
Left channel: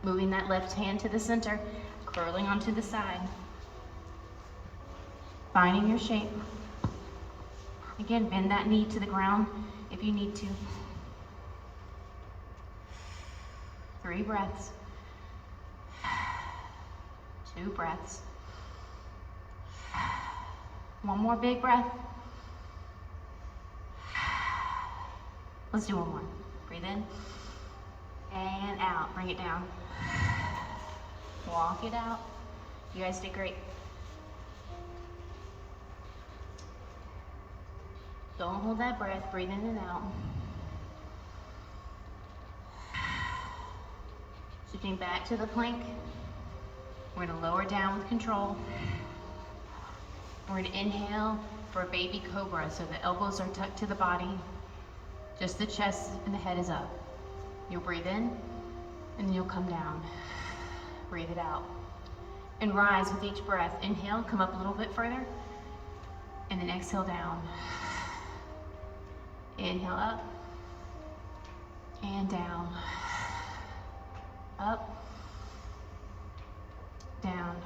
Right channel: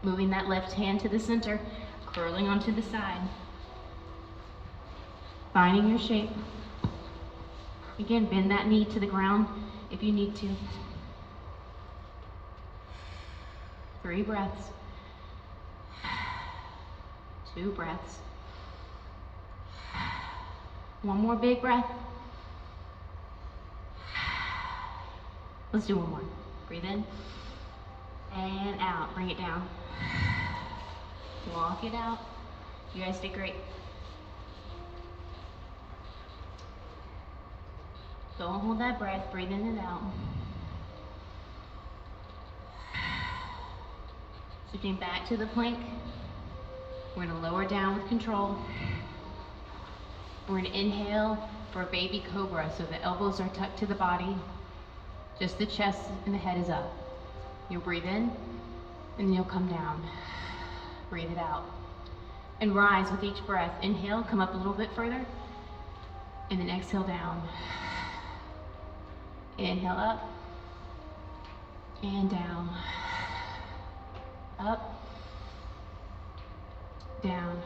Moving that left hand to the center, curling onto the side. Finding your shape. Again, bend that knee to the ground if you need to. 3 breaths. 2 breaths. One more big breath. Let's do one more. Breathe in and out. Bring it down. Walk it out. You guys did great. Don't hold that breath. Breathe in and out. Shifting back to the plank. We're going to lower down with control. We're going to inhale for a baby cobra. So the elbows are tucked to the body. Just the chest and the head is up. You'll breathe in and then you'll come down. Breathe it out. And rise with each breath. Inhale, come up a little bit further. And then exhale down. Inhale up. And down. Up. Down.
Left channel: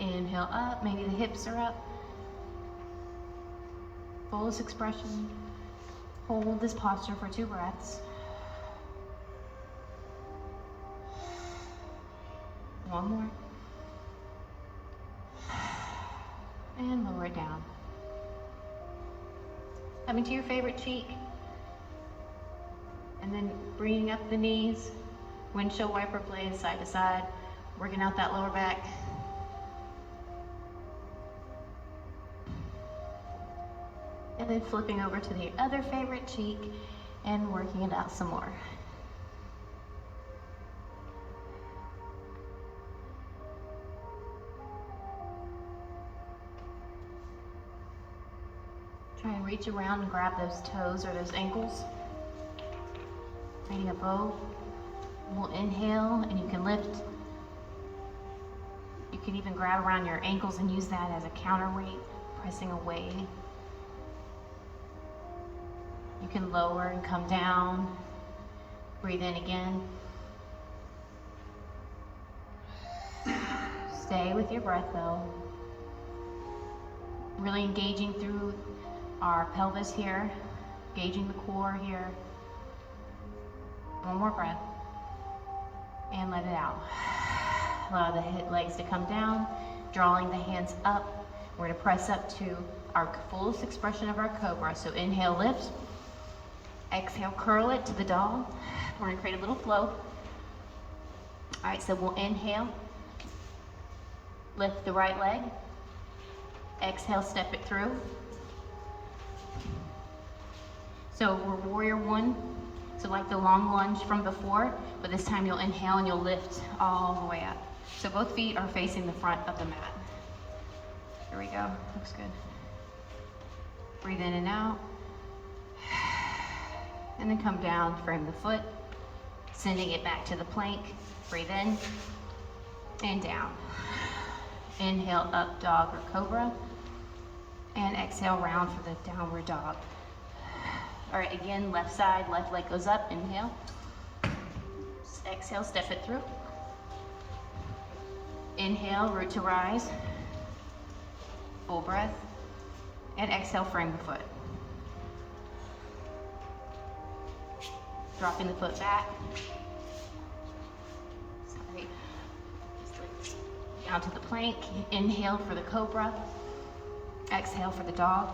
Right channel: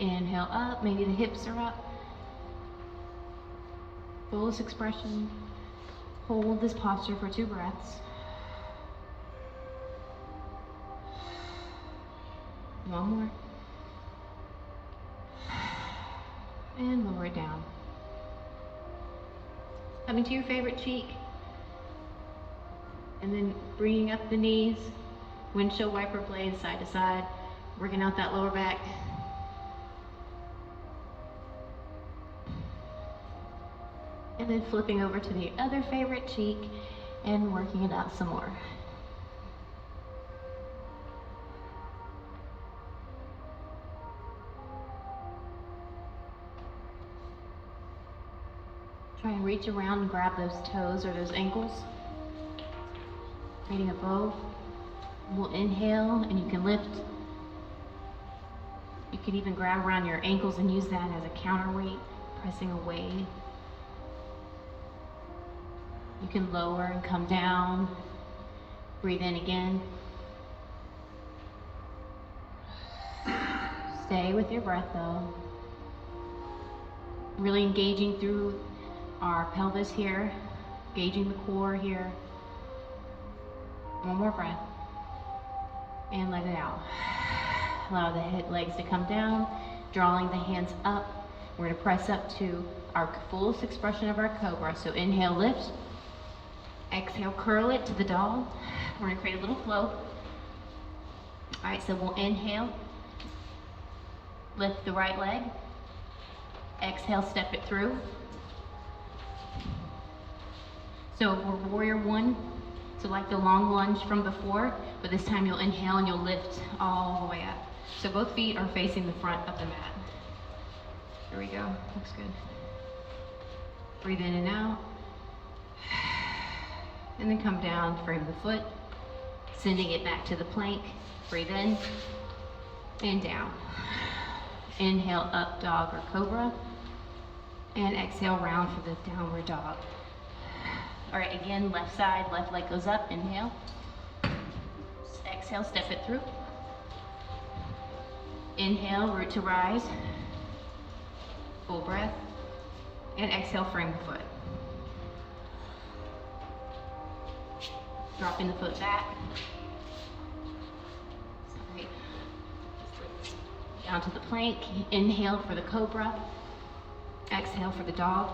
Inhale up. Maybe the hips are up. Fullest expression. Hold this posture for 2 breaths. One more. And lower it down. Coming to your favorite cheek. And then bringing up the knees. Windshield wiper blades side to side. Working out that lower back. And then flipping over to the other favorite cheek and working it out some more. Try and reach around and grab those toes or those ankles, creating a bow. We'll inhale and you can lift. You could even grab around your ankles and use that as a counterweight, pressing away. You can lower and come down. Breathe in again. Stay with your breath though. Really engaging through our pelvis here, engaging the core here. One more breath. And let it out. Allow the legs to come down, drawing the hands up. We're going to press up to our fullest expression of our cobra. So inhale, lift. Exhale, curl it to the dog. We're going to create a little flow. All right, so we'll inhale. Lift the right leg. Exhale, step it through. So we're warrior 1. So like the long lunge from before, but this time you'll inhale and you'll lift all the way up. So both feet are facing the front of the mat. Here we go, looks good. Breathe in and out. And then come down, frame the foot, sending it back to the plank. Breathe in and down. Inhale, up dog or cobra. And exhale, round for the downward dog. All right, again, left side, left leg goes up, inhale. Just exhale, step it through. Inhale, root to rise. Full breath. And exhale, frame the foot. Dropping the foot back. Sorry. Just lift down to the plank. Inhale for the cobra. Exhale for the dog.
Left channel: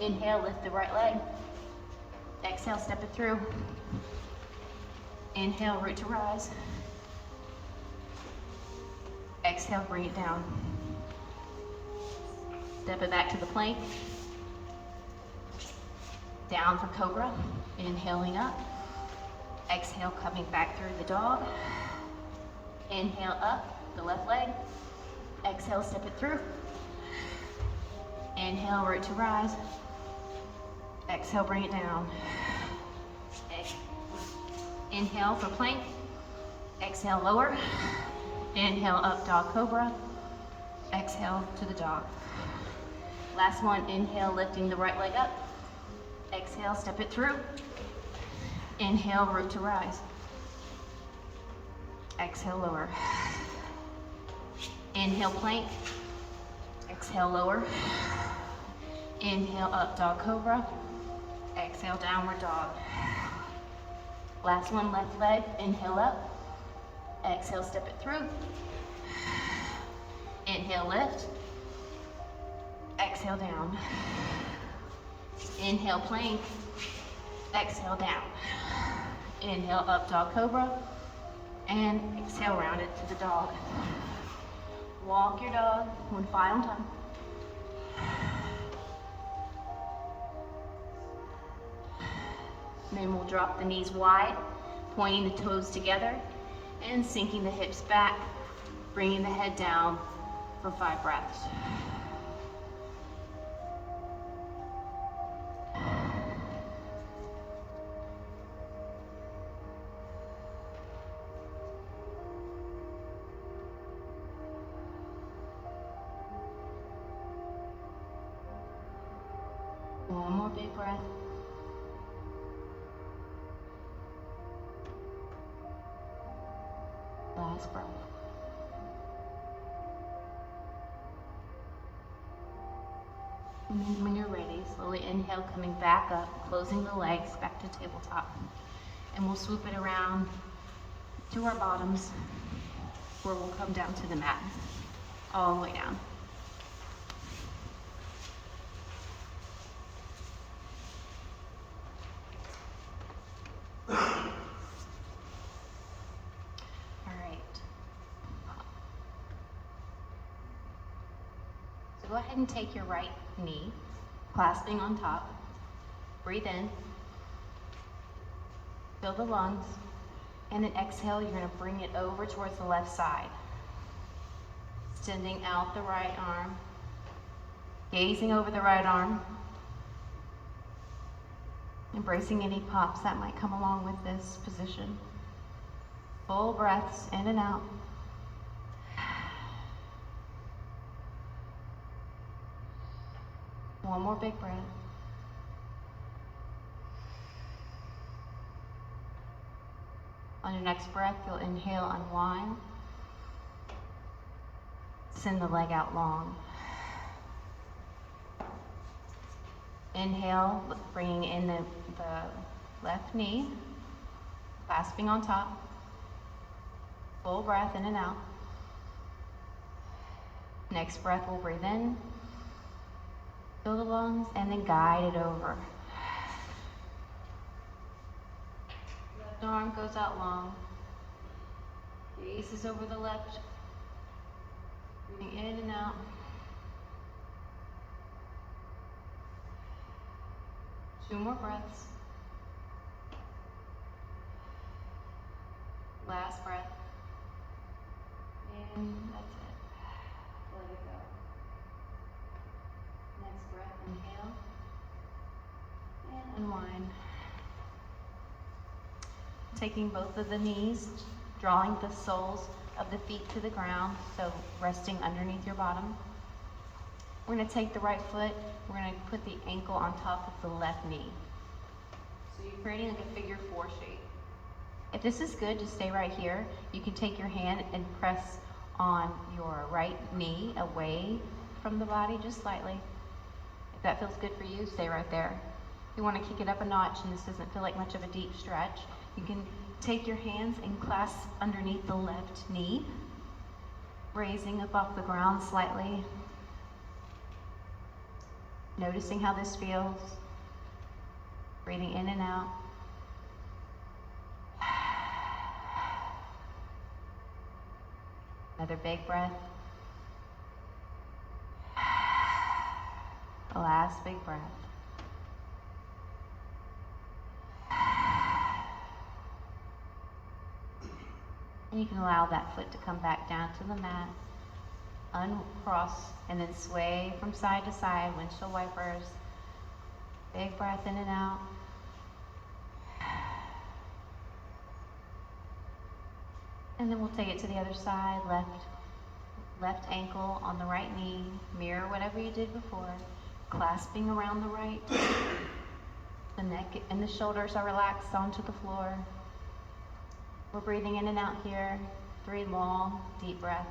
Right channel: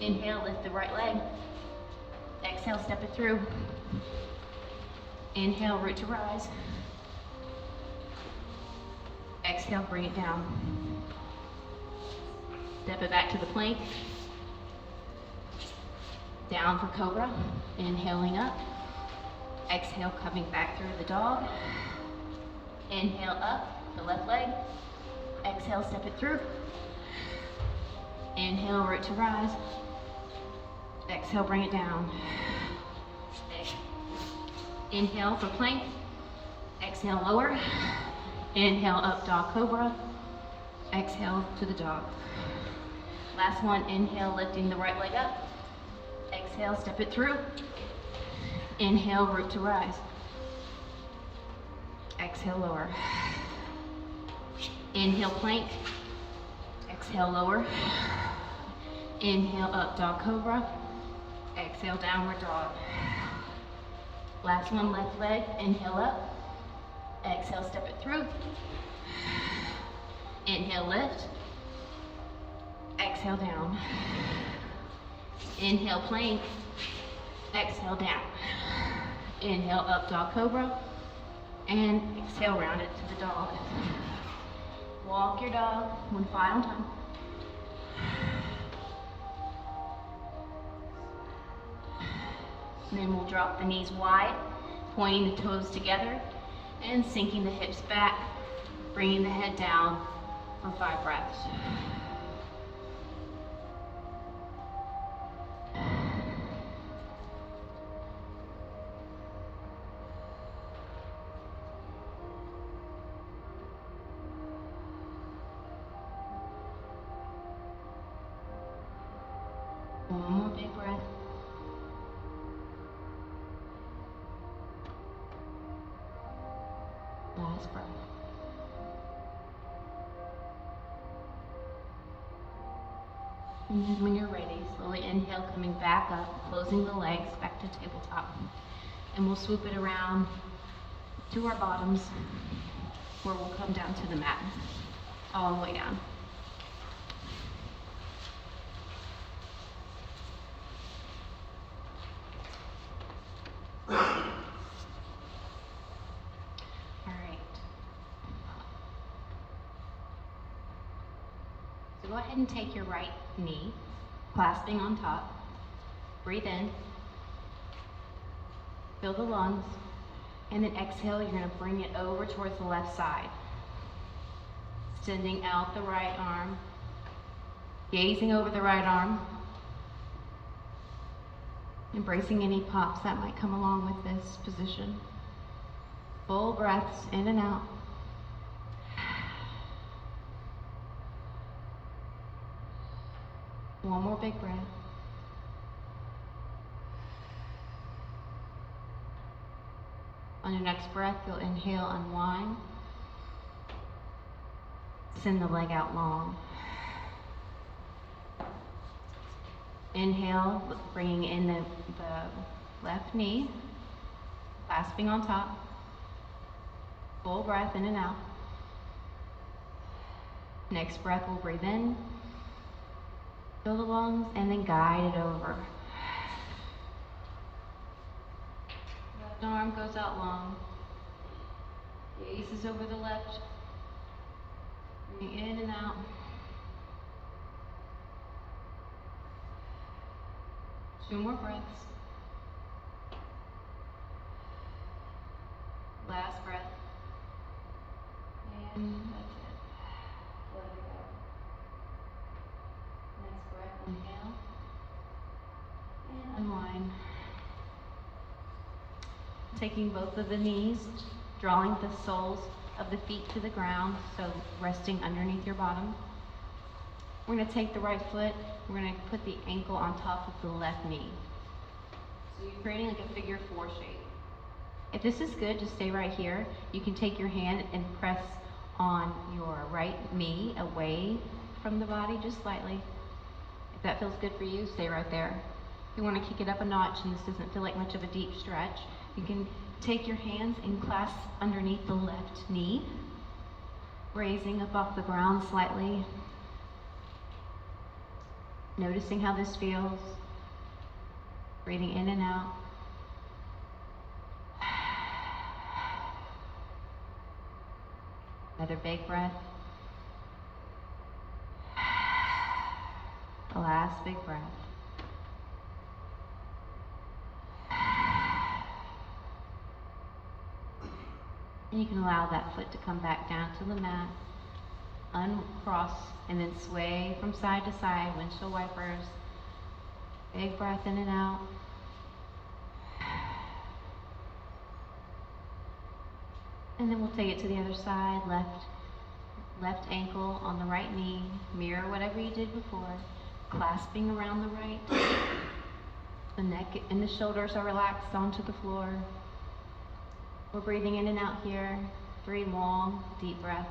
Inhale, lift the right leg. Exhale, step it through. Inhale, root to rise. Exhale, bring it down. Step it back to the plank. Down for cobra. Inhaling up. Exhale, coming back through the dog. Inhale up, the left leg. Exhale, step it through. Inhale, root to rise. Exhale, bring it down. Inhale for plank. Exhale, lower. Inhale, up dog cobra. Exhale to the dog. Last one, inhale, lifting the right leg up. Exhale, step it through. Inhale, root to rise. Exhale, lower. Inhale, plank. Exhale, lower. Inhale, up dog cobra. Exhale, downward dog. Last one, left leg. Inhale up. Exhale, step it through. Inhale, lift. exhale down. Inhale, plank. Exhale, down. Inhale, up dog cobra. And exhale, round it to the dog. Walk your dog one final time. And then we'll drop the knees wide, pointing the toes together, and sinking the hips back, bringing the head down for 5 breaths. One more big breath. Last breath. And then when you're ready, slowly inhale, coming back up, closing the legs back to tabletop. And we'll swoop it around to our bottoms, where we'll come down to the mat, all the way down. Go ahead and take your right knee, clasping on top. Breathe in, fill the lungs, and then exhale, you're gonna bring it over towards the left side. Extending out the right arm, gazing over the right arm, embracing any pops that might come along with this position. Full breaths in and out. One more big breath. On your next breath, you'll inhale, unwind. Send the leg out long. Inhale, bringing in the left knee, clasping on top. Full breath in and out. Next breath, we'll breathe in. Fill the lungs, and then guide it over. Left arm goes out long. Gaze is over the left. Breathing in and out. Two more breaths. Last breath. And that's it. Let it go. Next breath, inhale, and unwind. Taking both of the knees, drawing the soles of the feet to the ground, so resting underneath your bottom. We're gonna take the right foot, we're gonna put the ankle on top of the left knee. So you're creating like a figure 4 shape. If this is good, just stay right here. You can take your hand and press on your right knee away from the body, just slightly. If that feels good for you, stay right there. If you want to kick it up a notch and this doesn't feel like much of a deep stretch, you can take your hands and clasp underneath the left knee, raising up off the ground slightly. Noticing how this feels. Breathing in and out. Another big breath. Last big breath. And you can allow that foot to come back down to the mat, uncross, and then sway from side to side, windshield wipers. Big breath in and out. And then we'll take it to the other side, left ankle on the right knee, mirror whatever you did before, clasping around the right. The neck and the shoulders are relaxed onto the floor. We're breathing in and out here, 3 long, deep breaths.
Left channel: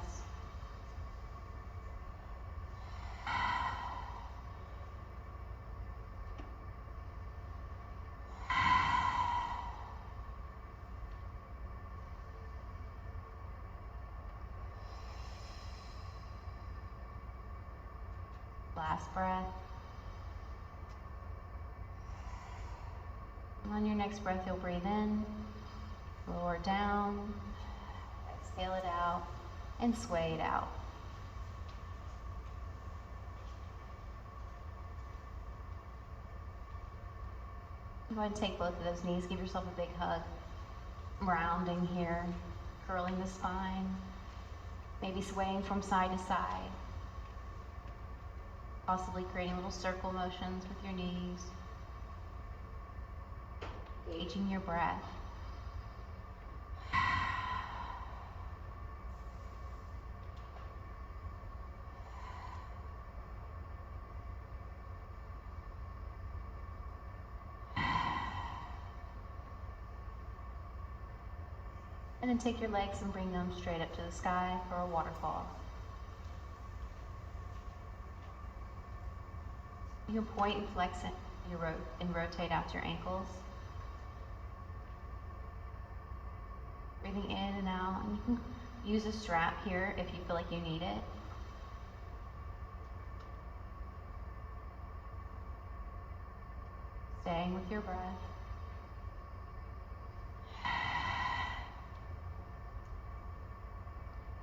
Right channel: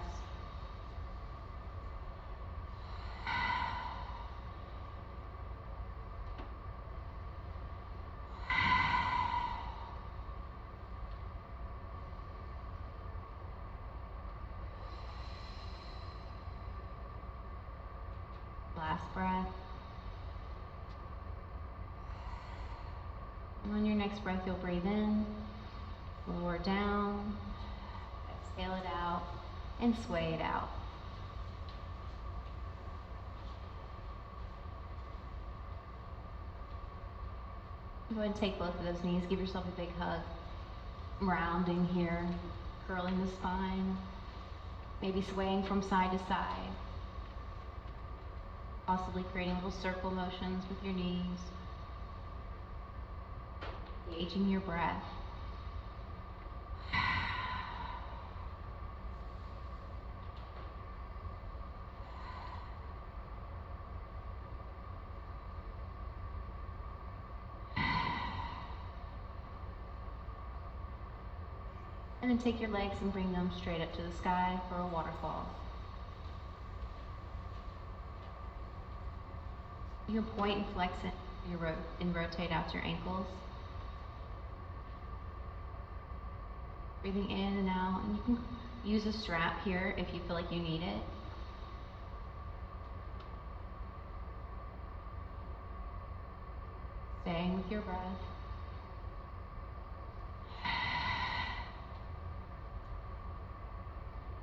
last breath. On your next breath, you'll breathe in, lower down, exhale it out, and sway it out. Go ahead and take both of those knees, give yourself a big hug. Rounding here, curling the spine, maybe swaying from side to side. Possibly creating little circle motions with your knees. Gauging your breath. And then take your legs and bring them straight up to the sky for a waterfall. You can point and flex it and rotate out your ankles. Breathing in and out, and you can use a strap here if you feel like you need it. Staying with your breath.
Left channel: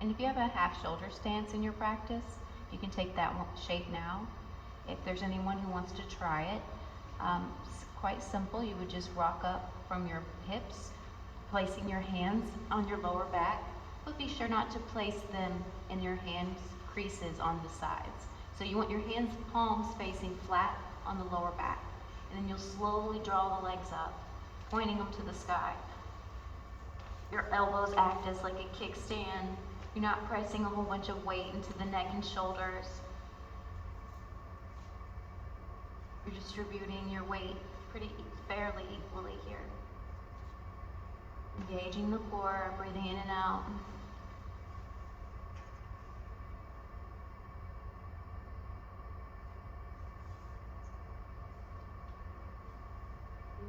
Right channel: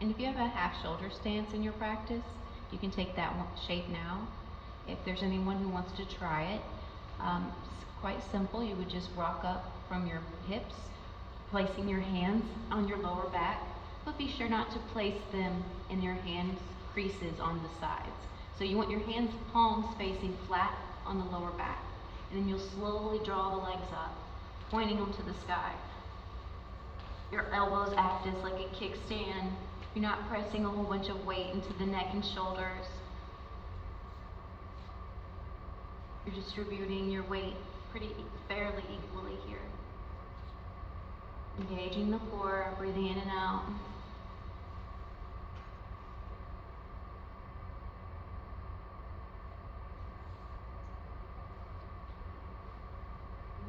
And if you have a half shoulder stance in your practice, you can take that shape now. If there's anyone who wants to try it, it's quite simple. You would just rock up from your hips, placing your hands on your lower back, but be sure not to place them in your hand creases on the sides. So you want your hands, palms facing flat on the lower back. And then you'll slowly draw the legs up, pointing them to the sky. Your elbows act as like a kickstand. You're not pressing a whole bunch of weight into the neck and shoulders. You're distributing your weight pretty fairly equally here. Engaging the core, breathing in and out.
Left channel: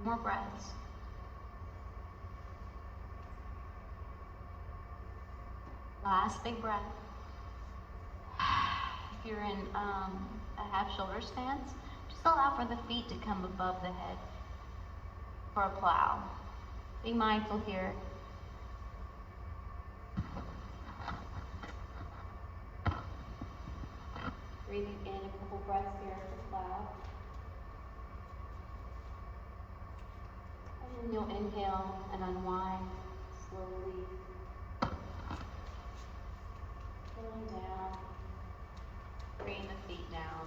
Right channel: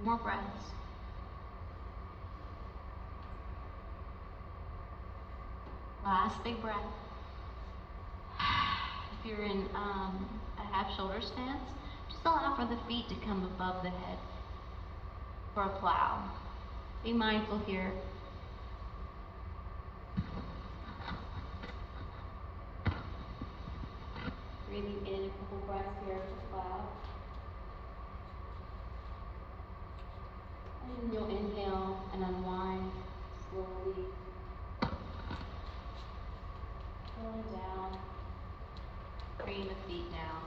More breaths. Last big breath. If you're in a half shoulder stance, just allow for the feet to come above the head for a plow. Be mindful here. Breathing in a couple breaths here for plow. And then you'll inhale and unwind slowly. Pulling down, bringing the feet down.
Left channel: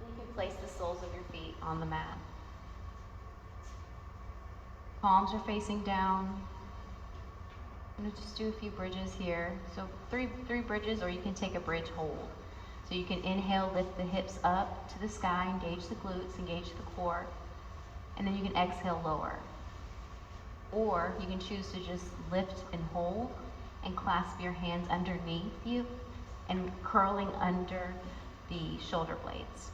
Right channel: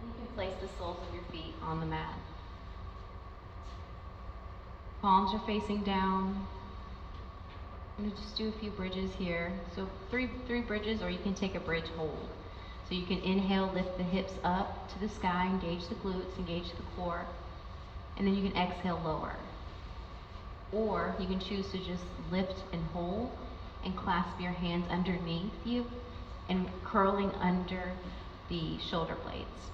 And you can place the soles of your feet on the mat. Palms are facing down. I'm going to just do a few bridges here. So three bridges, or you can take a bridge hold. So you can inhale, lift the hips up to the sky, engage the glutes, engage the core. And then you can exhale, lower. Or you can choose to just lift and hold and clasp your hands underneath you and curling under the shoulder blades.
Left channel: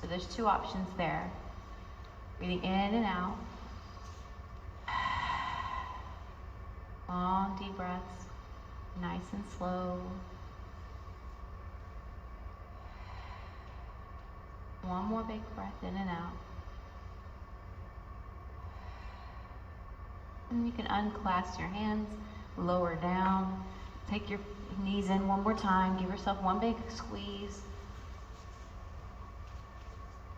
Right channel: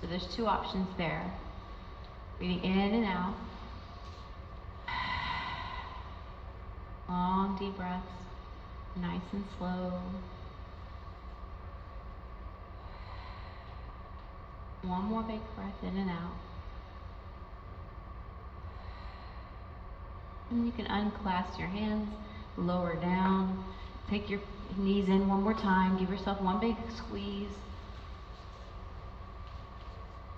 So there's two options there. Breathing in and out. Long, deep breaths, nice and slow. One more big breath in and out. And you can unclasp your hands, lower down, take your knees in one more time, give yourself one big squeeze.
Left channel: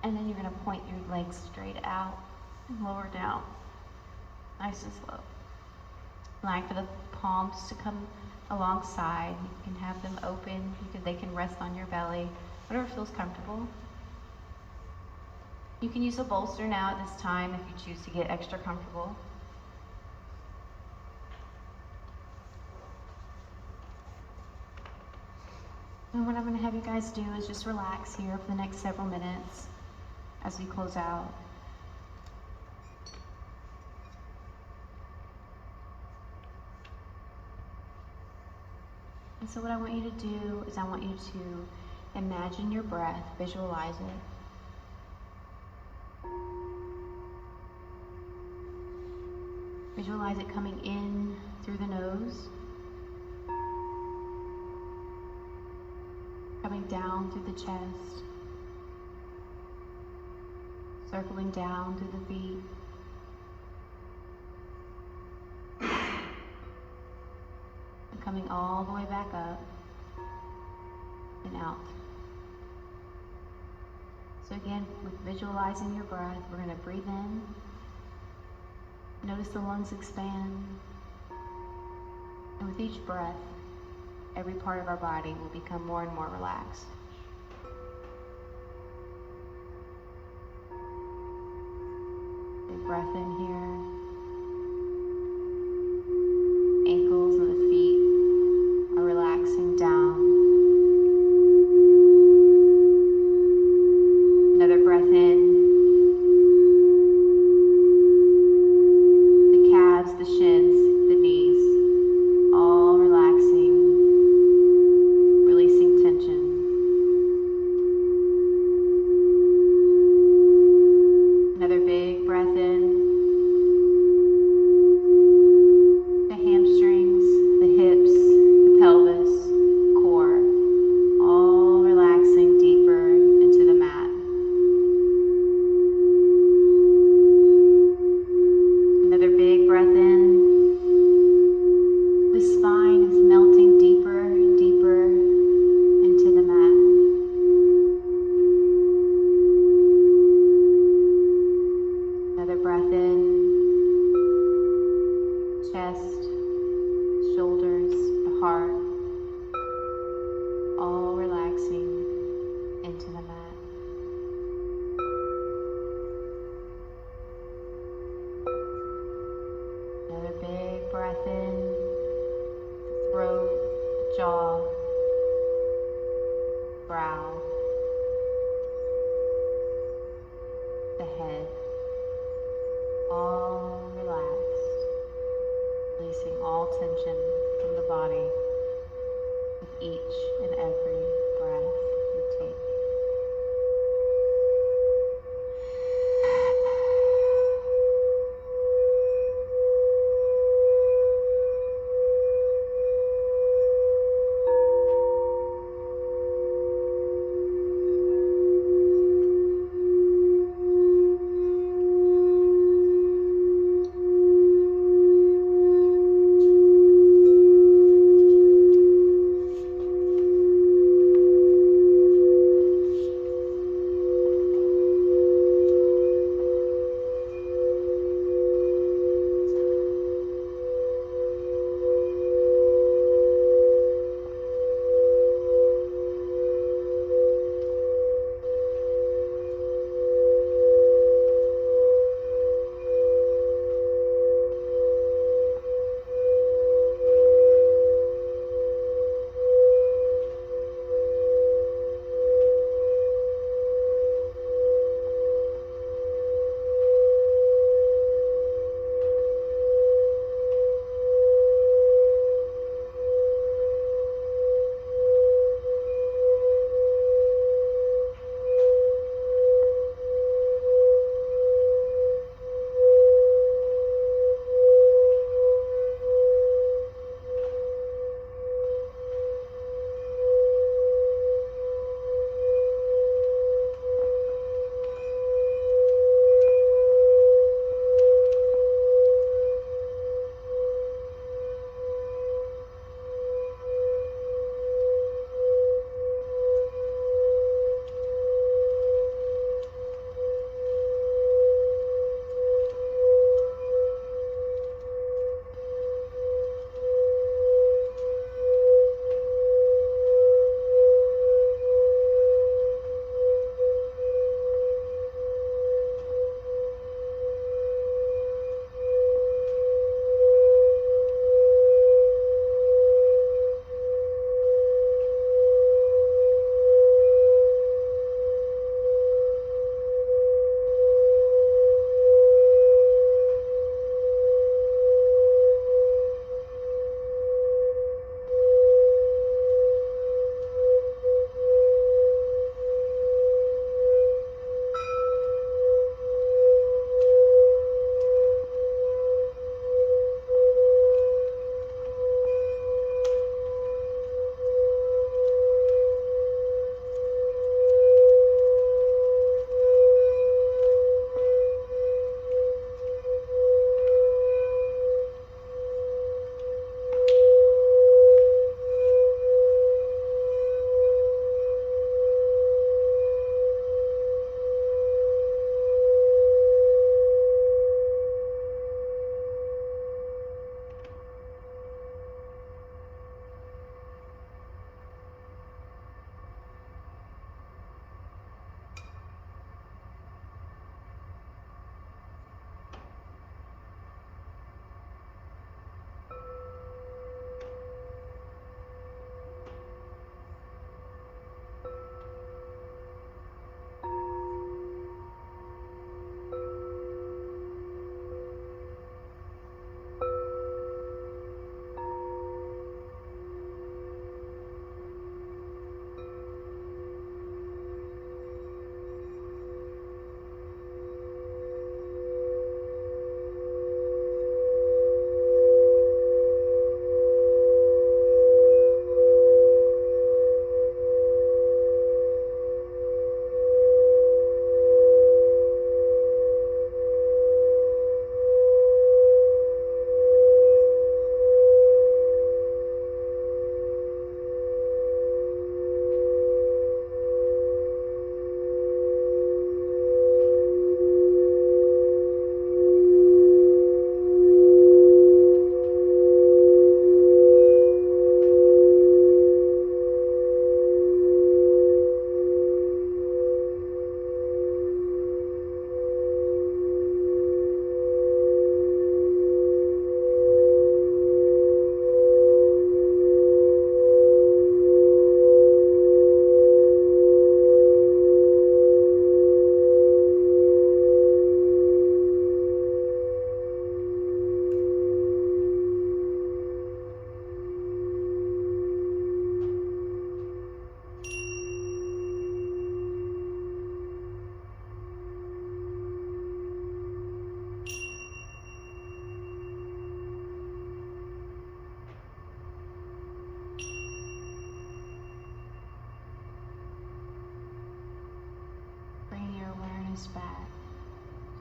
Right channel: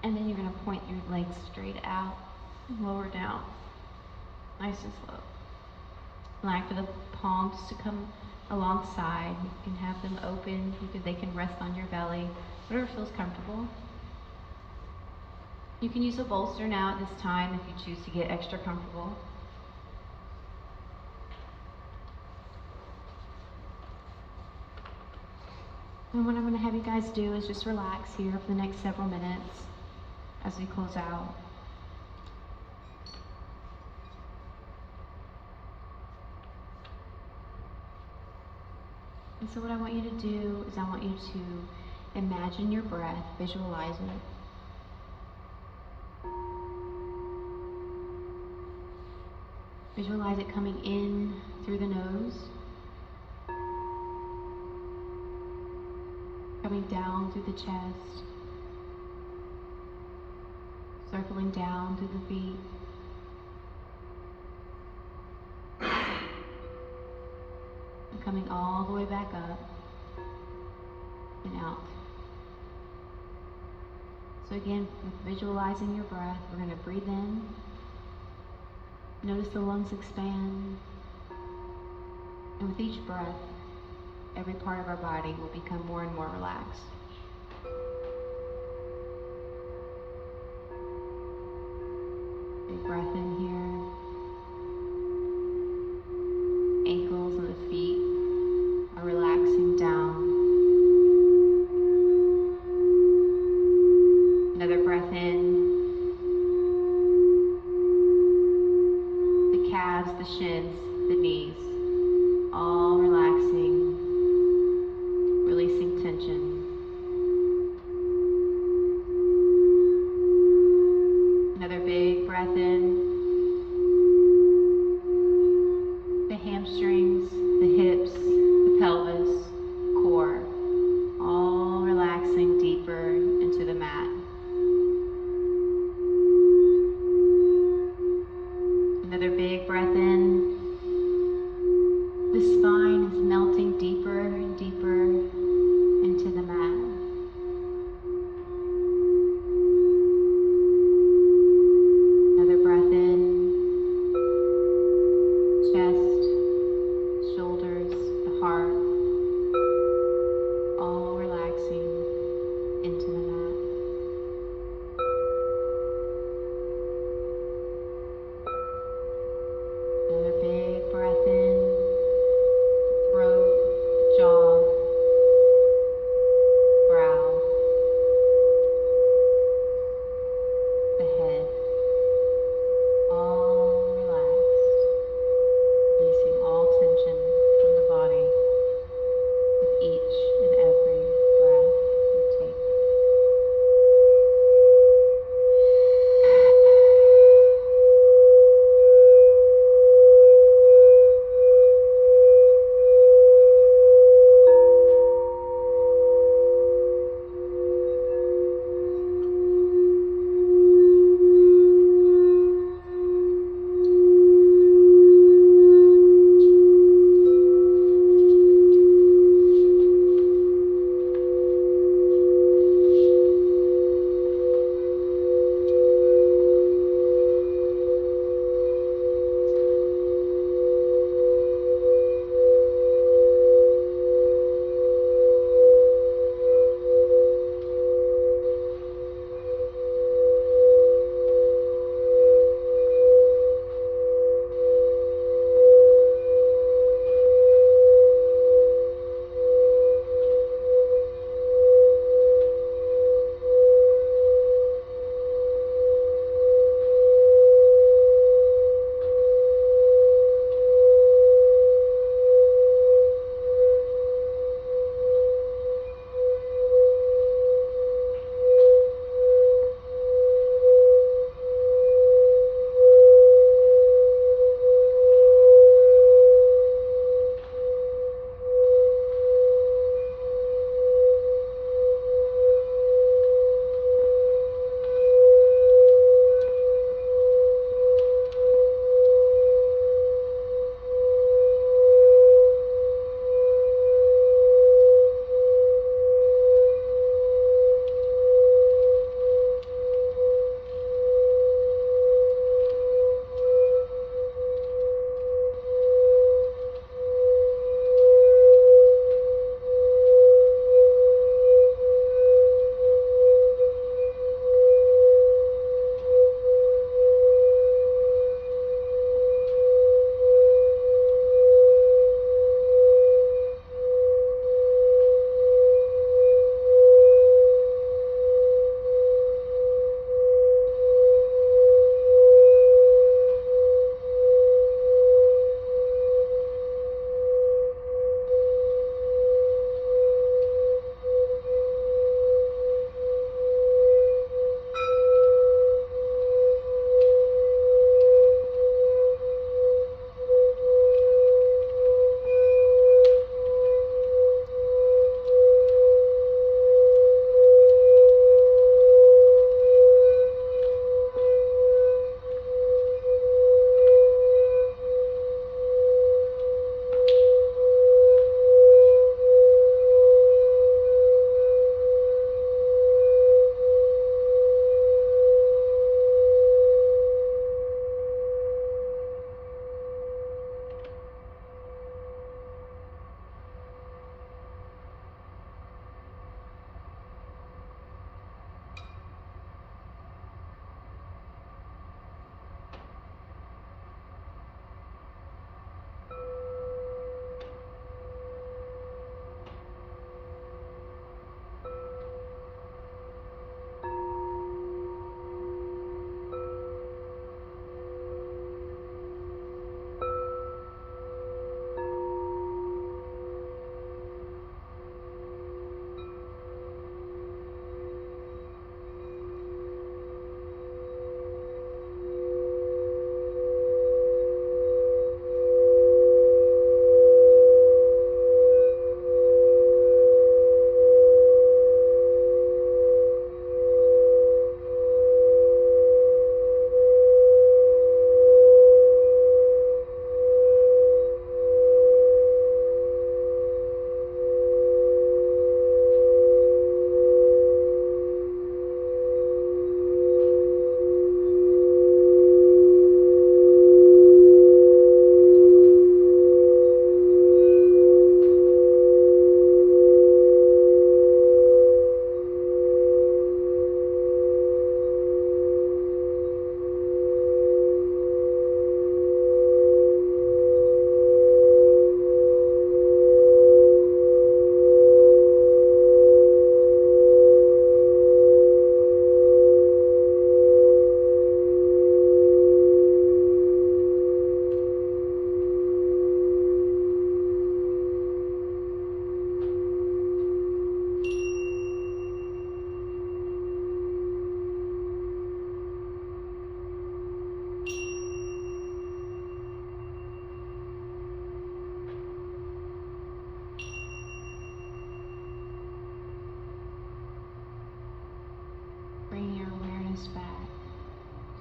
And then you're going to point your legs straight out and lower down, nice and slow. Allow for the palms to come alongside. You can have them open. They can rest on your belly, whatever feels comfortable. You can use a bolster now at this time if you choose to get extra comfortable. And what I'm going to have you guys do is just relax here for the next several minutes as we close out. And so what I want you to do is I want you to imagine your breath, visualize it. Visualize it coming in through the nose coming down through the chest, circling down through the feet, and coming all the way back up and out. So again, with visualizing your breath, we're going to breathe in. Notice the lungs expand. And with each breath, every part of our body will become more and more relaxed. Big breath in here. Ankles and the feet are relaxing down. Another breath in. The calves, the shins, the knees, all relaxing, releasing tension. Another big breath in.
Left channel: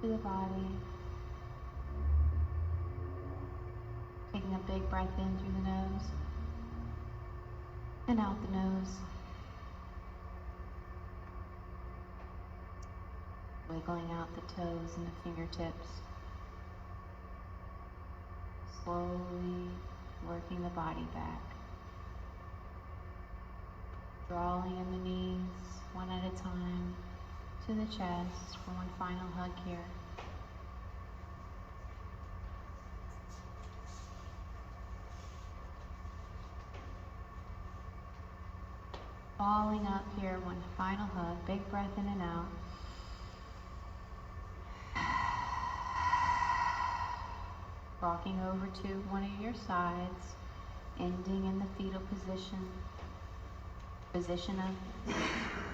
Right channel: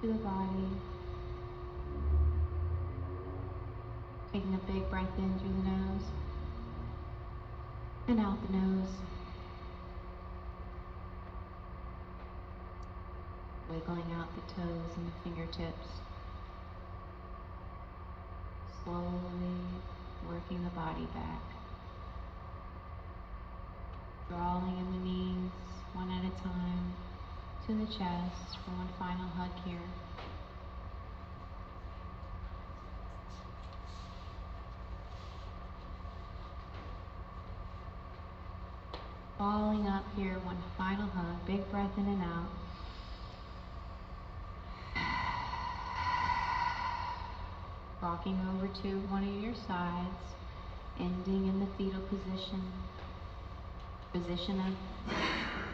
to the body. Taking a big breath in through the nose and out the nose. Wiggling out the toes and the fingertips. Slowly working the body back. Drawing in the knees one at a time to the chest for one final hug here. Falling up here, one final hug, big breath in and out. Rocking over to one of your sides, ending in the fetal position, position of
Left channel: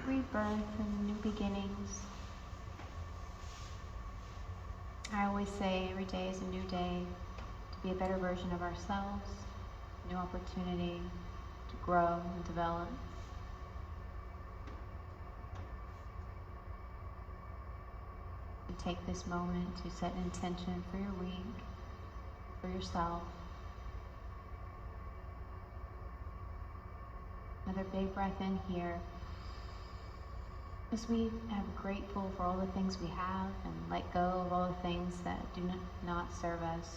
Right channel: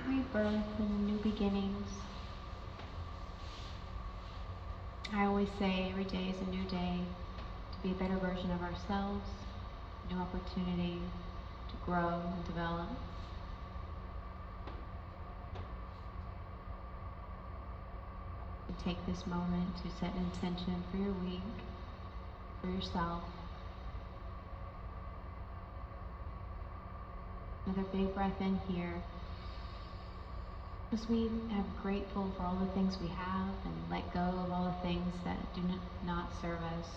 rebirth and new beginnings. I always say every day is a new day to be a better version of ourselves, new opportunity to grow and develop. And take this moment to set an intention for your week, for yourself. Another big breath in here. As we are grateful for all the things we have and let go of all the things that do not serve us,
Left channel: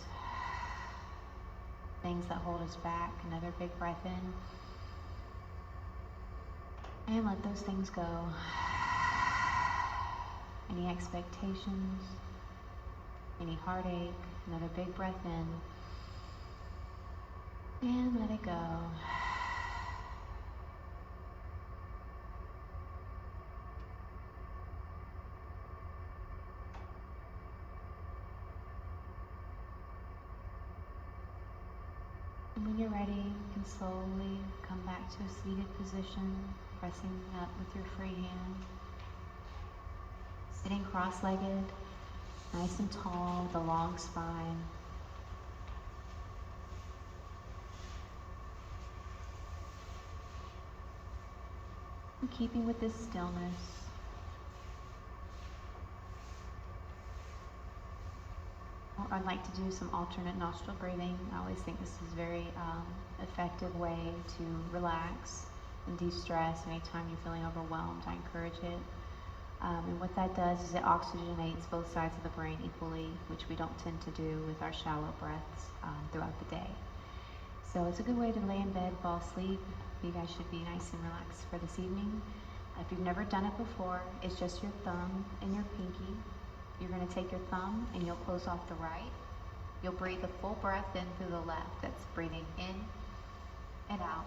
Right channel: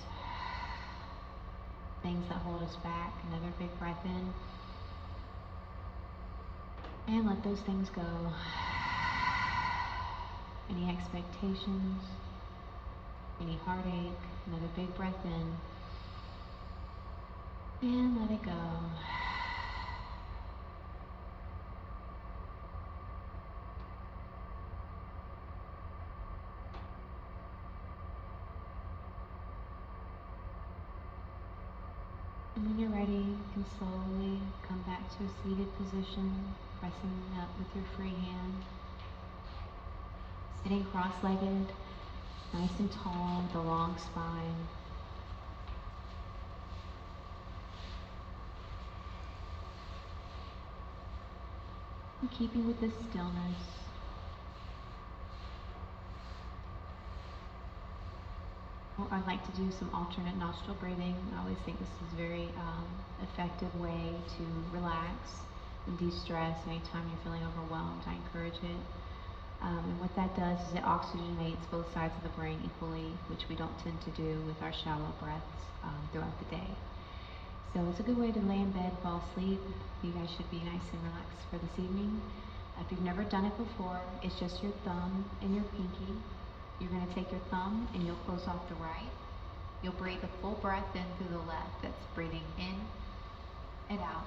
things that hold us back. Another big breath in. And let those things go. Any expectations, any heartache. Another big breath in. And let it go. And when you're ready, you can slowly come back to a seated position, pressing up with your free hand. Sitting cross-legged, nice and tall with a long spine. And keeping with this stillness, I'd like to do some alternate nostril breathing. I always think this is a very effective way to relax and de-stress. Anytime you're feeling overwhelmed, I encourage it. And what that does is it oxygenates both sides of the brain equally, which we don't tend to do with our shallow breaths throughout the day. So it's a good way to lay in bed, fall asleep. You guys should be nice and relaxed for this evening. If you've never done it before, it's just your thumb and your pinky. You're going to take your thumb and you'll close off the right. You'll breathe a full breath in through the left. That's breathing in and out,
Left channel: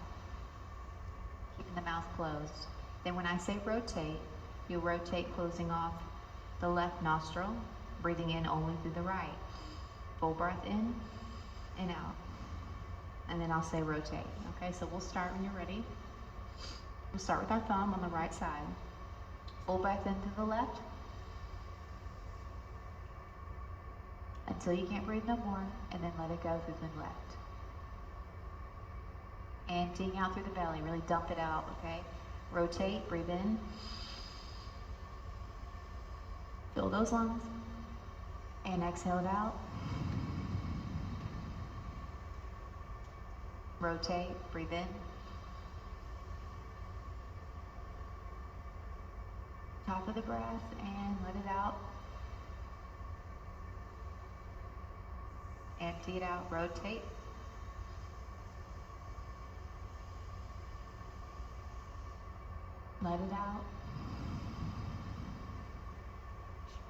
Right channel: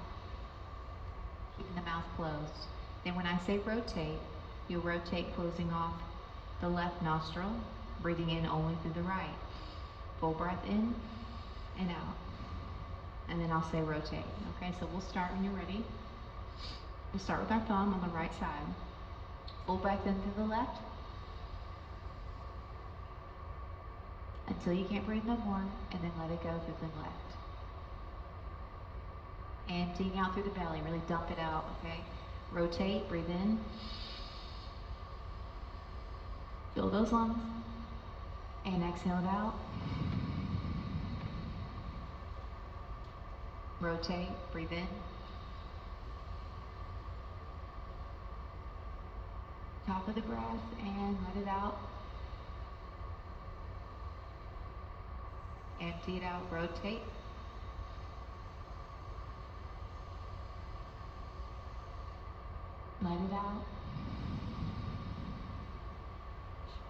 keeping the mouth closed. Then when I say rotate, you'll rotate closing off the left nostril, breathing in only through the right. Full breath in and out. And then I'll say rotate. Okay, so we'll start when you're ready. We'll start with our thumb on the right side. Full breath in through the left. Until you can't breathe no more, and then let it go through the left. Emptying out through the belly, really dump it out, okay? Rotate, breathe in. Fill those lungs. And exhale it out. Rotate, breathe in. Top of the breath, and let it out. Empty it out, rotate. Let it out.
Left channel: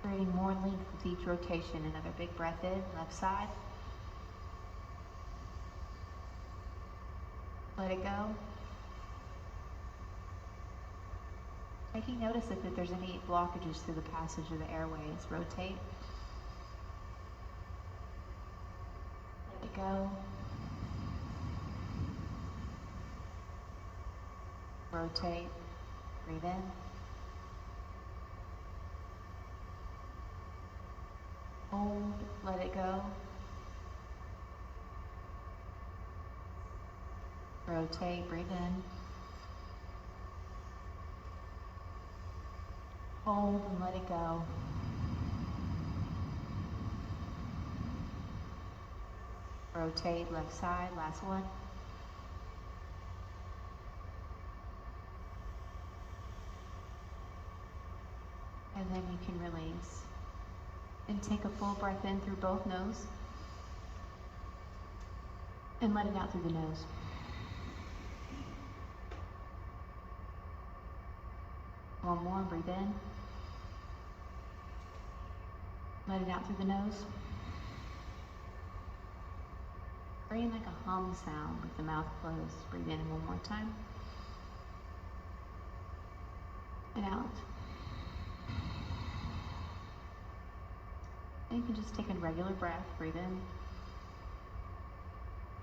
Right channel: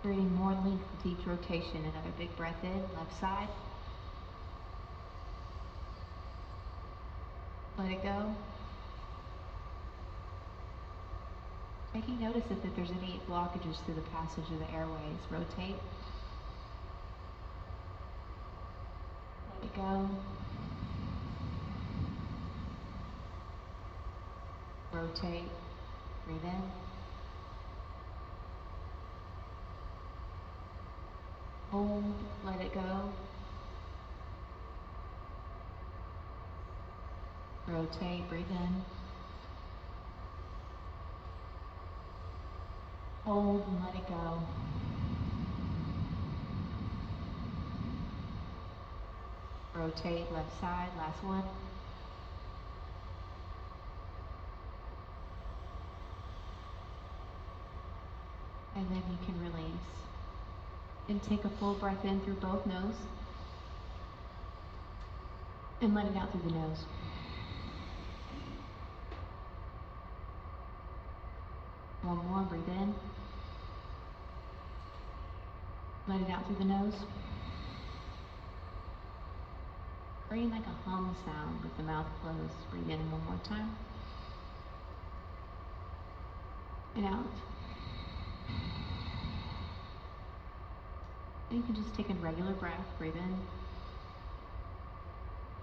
Creating more length with each rotation. Another big breath in, left side. Let it go. Taking notice if there's any blockages through the passage of the airways. Rotate. Let it go. Rotate. Breathe in. Hold. Let it go. Rotate. Breathe in. Hold and let it go. Rotate left side, last one. And then you can release. And take a full breath in through both nose. And let it out through the nose. One more, breathe in. Let it out through the nose. Creating like a hum sound with the mouth closed. Breathe in one more time. And out. And you can just take a regular breath. Breathe in.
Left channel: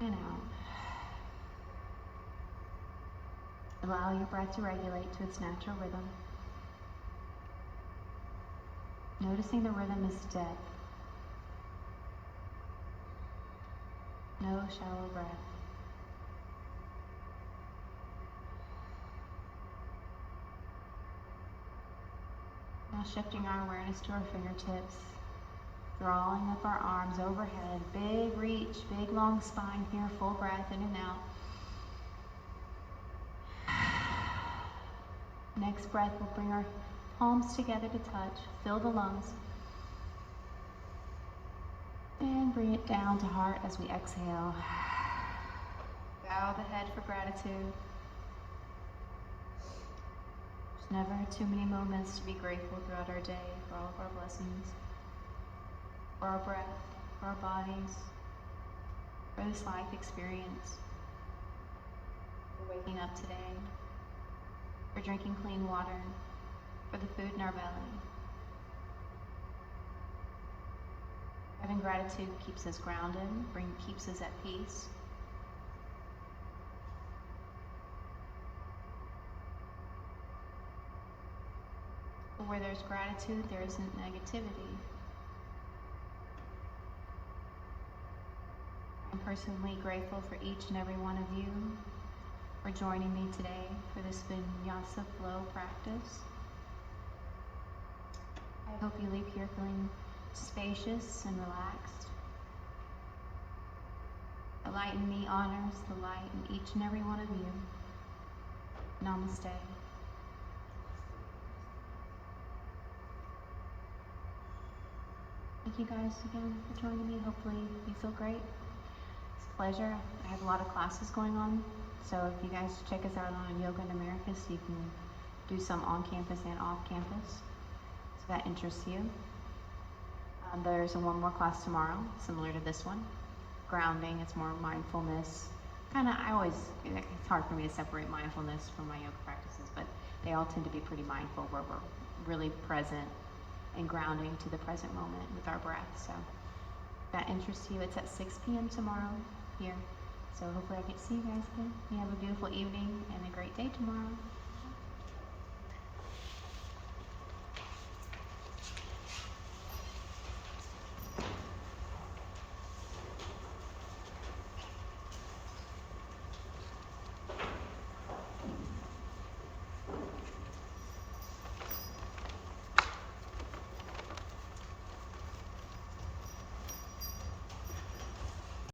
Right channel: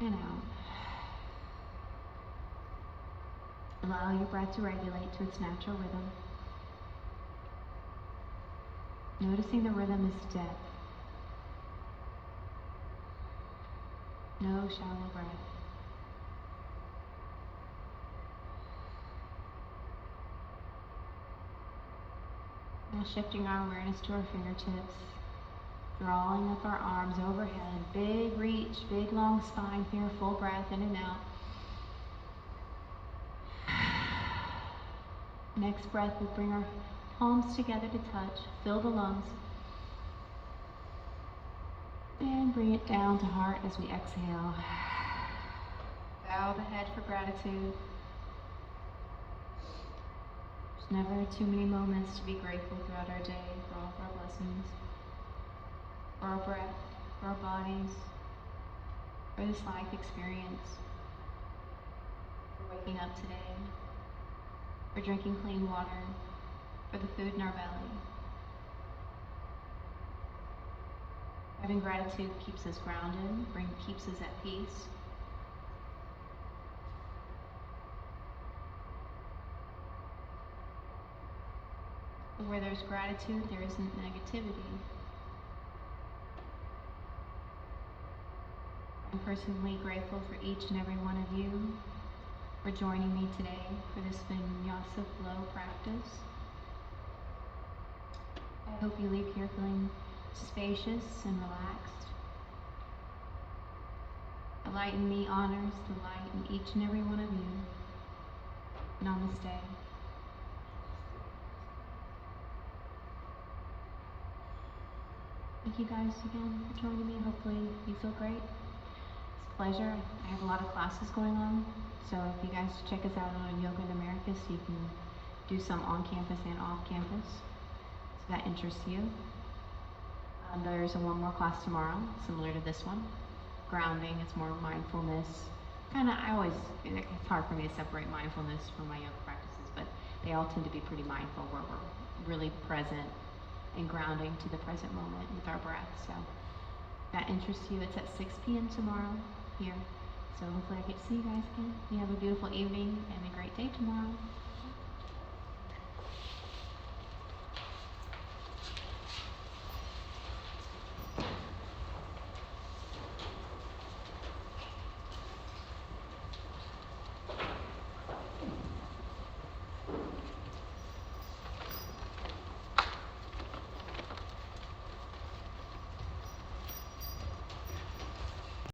And out. Allow your breath to regulate to its natural rhythm. Noticing the rhythm is depth. No shallow breath. Now shifting our awareness to our fingertips, drawing up our arms overhead, big reach, big long spine here, full breath in and out. Next breath, we'll bring our palms together to touch, fill the lungs. And bring it down to heart as we exhale. Bow the head for gratitude. There's never too many moments to be grateful throughout our day for all of our blessings, for our breath, for our bodies, for this life experience, for waking up today, for drinking clean water, for the food in our belly. Having gratitude keeps us grounded, keeps us at peace. Where there's gratitude, there isn't negativity. I'm personally grateful for each and every one of you for joining me today for this Vinyasa flow practice. I hope you leave here feeling spacious and relaxed. The light in me honors the light in each and every one of you. Namaste. Thank you guys again for joining me. Hopefully you feel great. It's a pleasure. I have a lot of classes going on, so if you guys check us out on Yoga in America, so you can do some on campus and off campus, so that interests you. There's one more class tomorrow, similar to this one. Grounding, it's more mindfulness. It's hard for me to separate mindfulness from my yoga practices, but they all tend to be pretty mindful, where we're really present and grounding to the present moment with our breath. So if that interests you, it's at 6 p.m. tomorrow here. So hopefully I get to see you guys again. You have a beautiful evening and a great day tomorrow.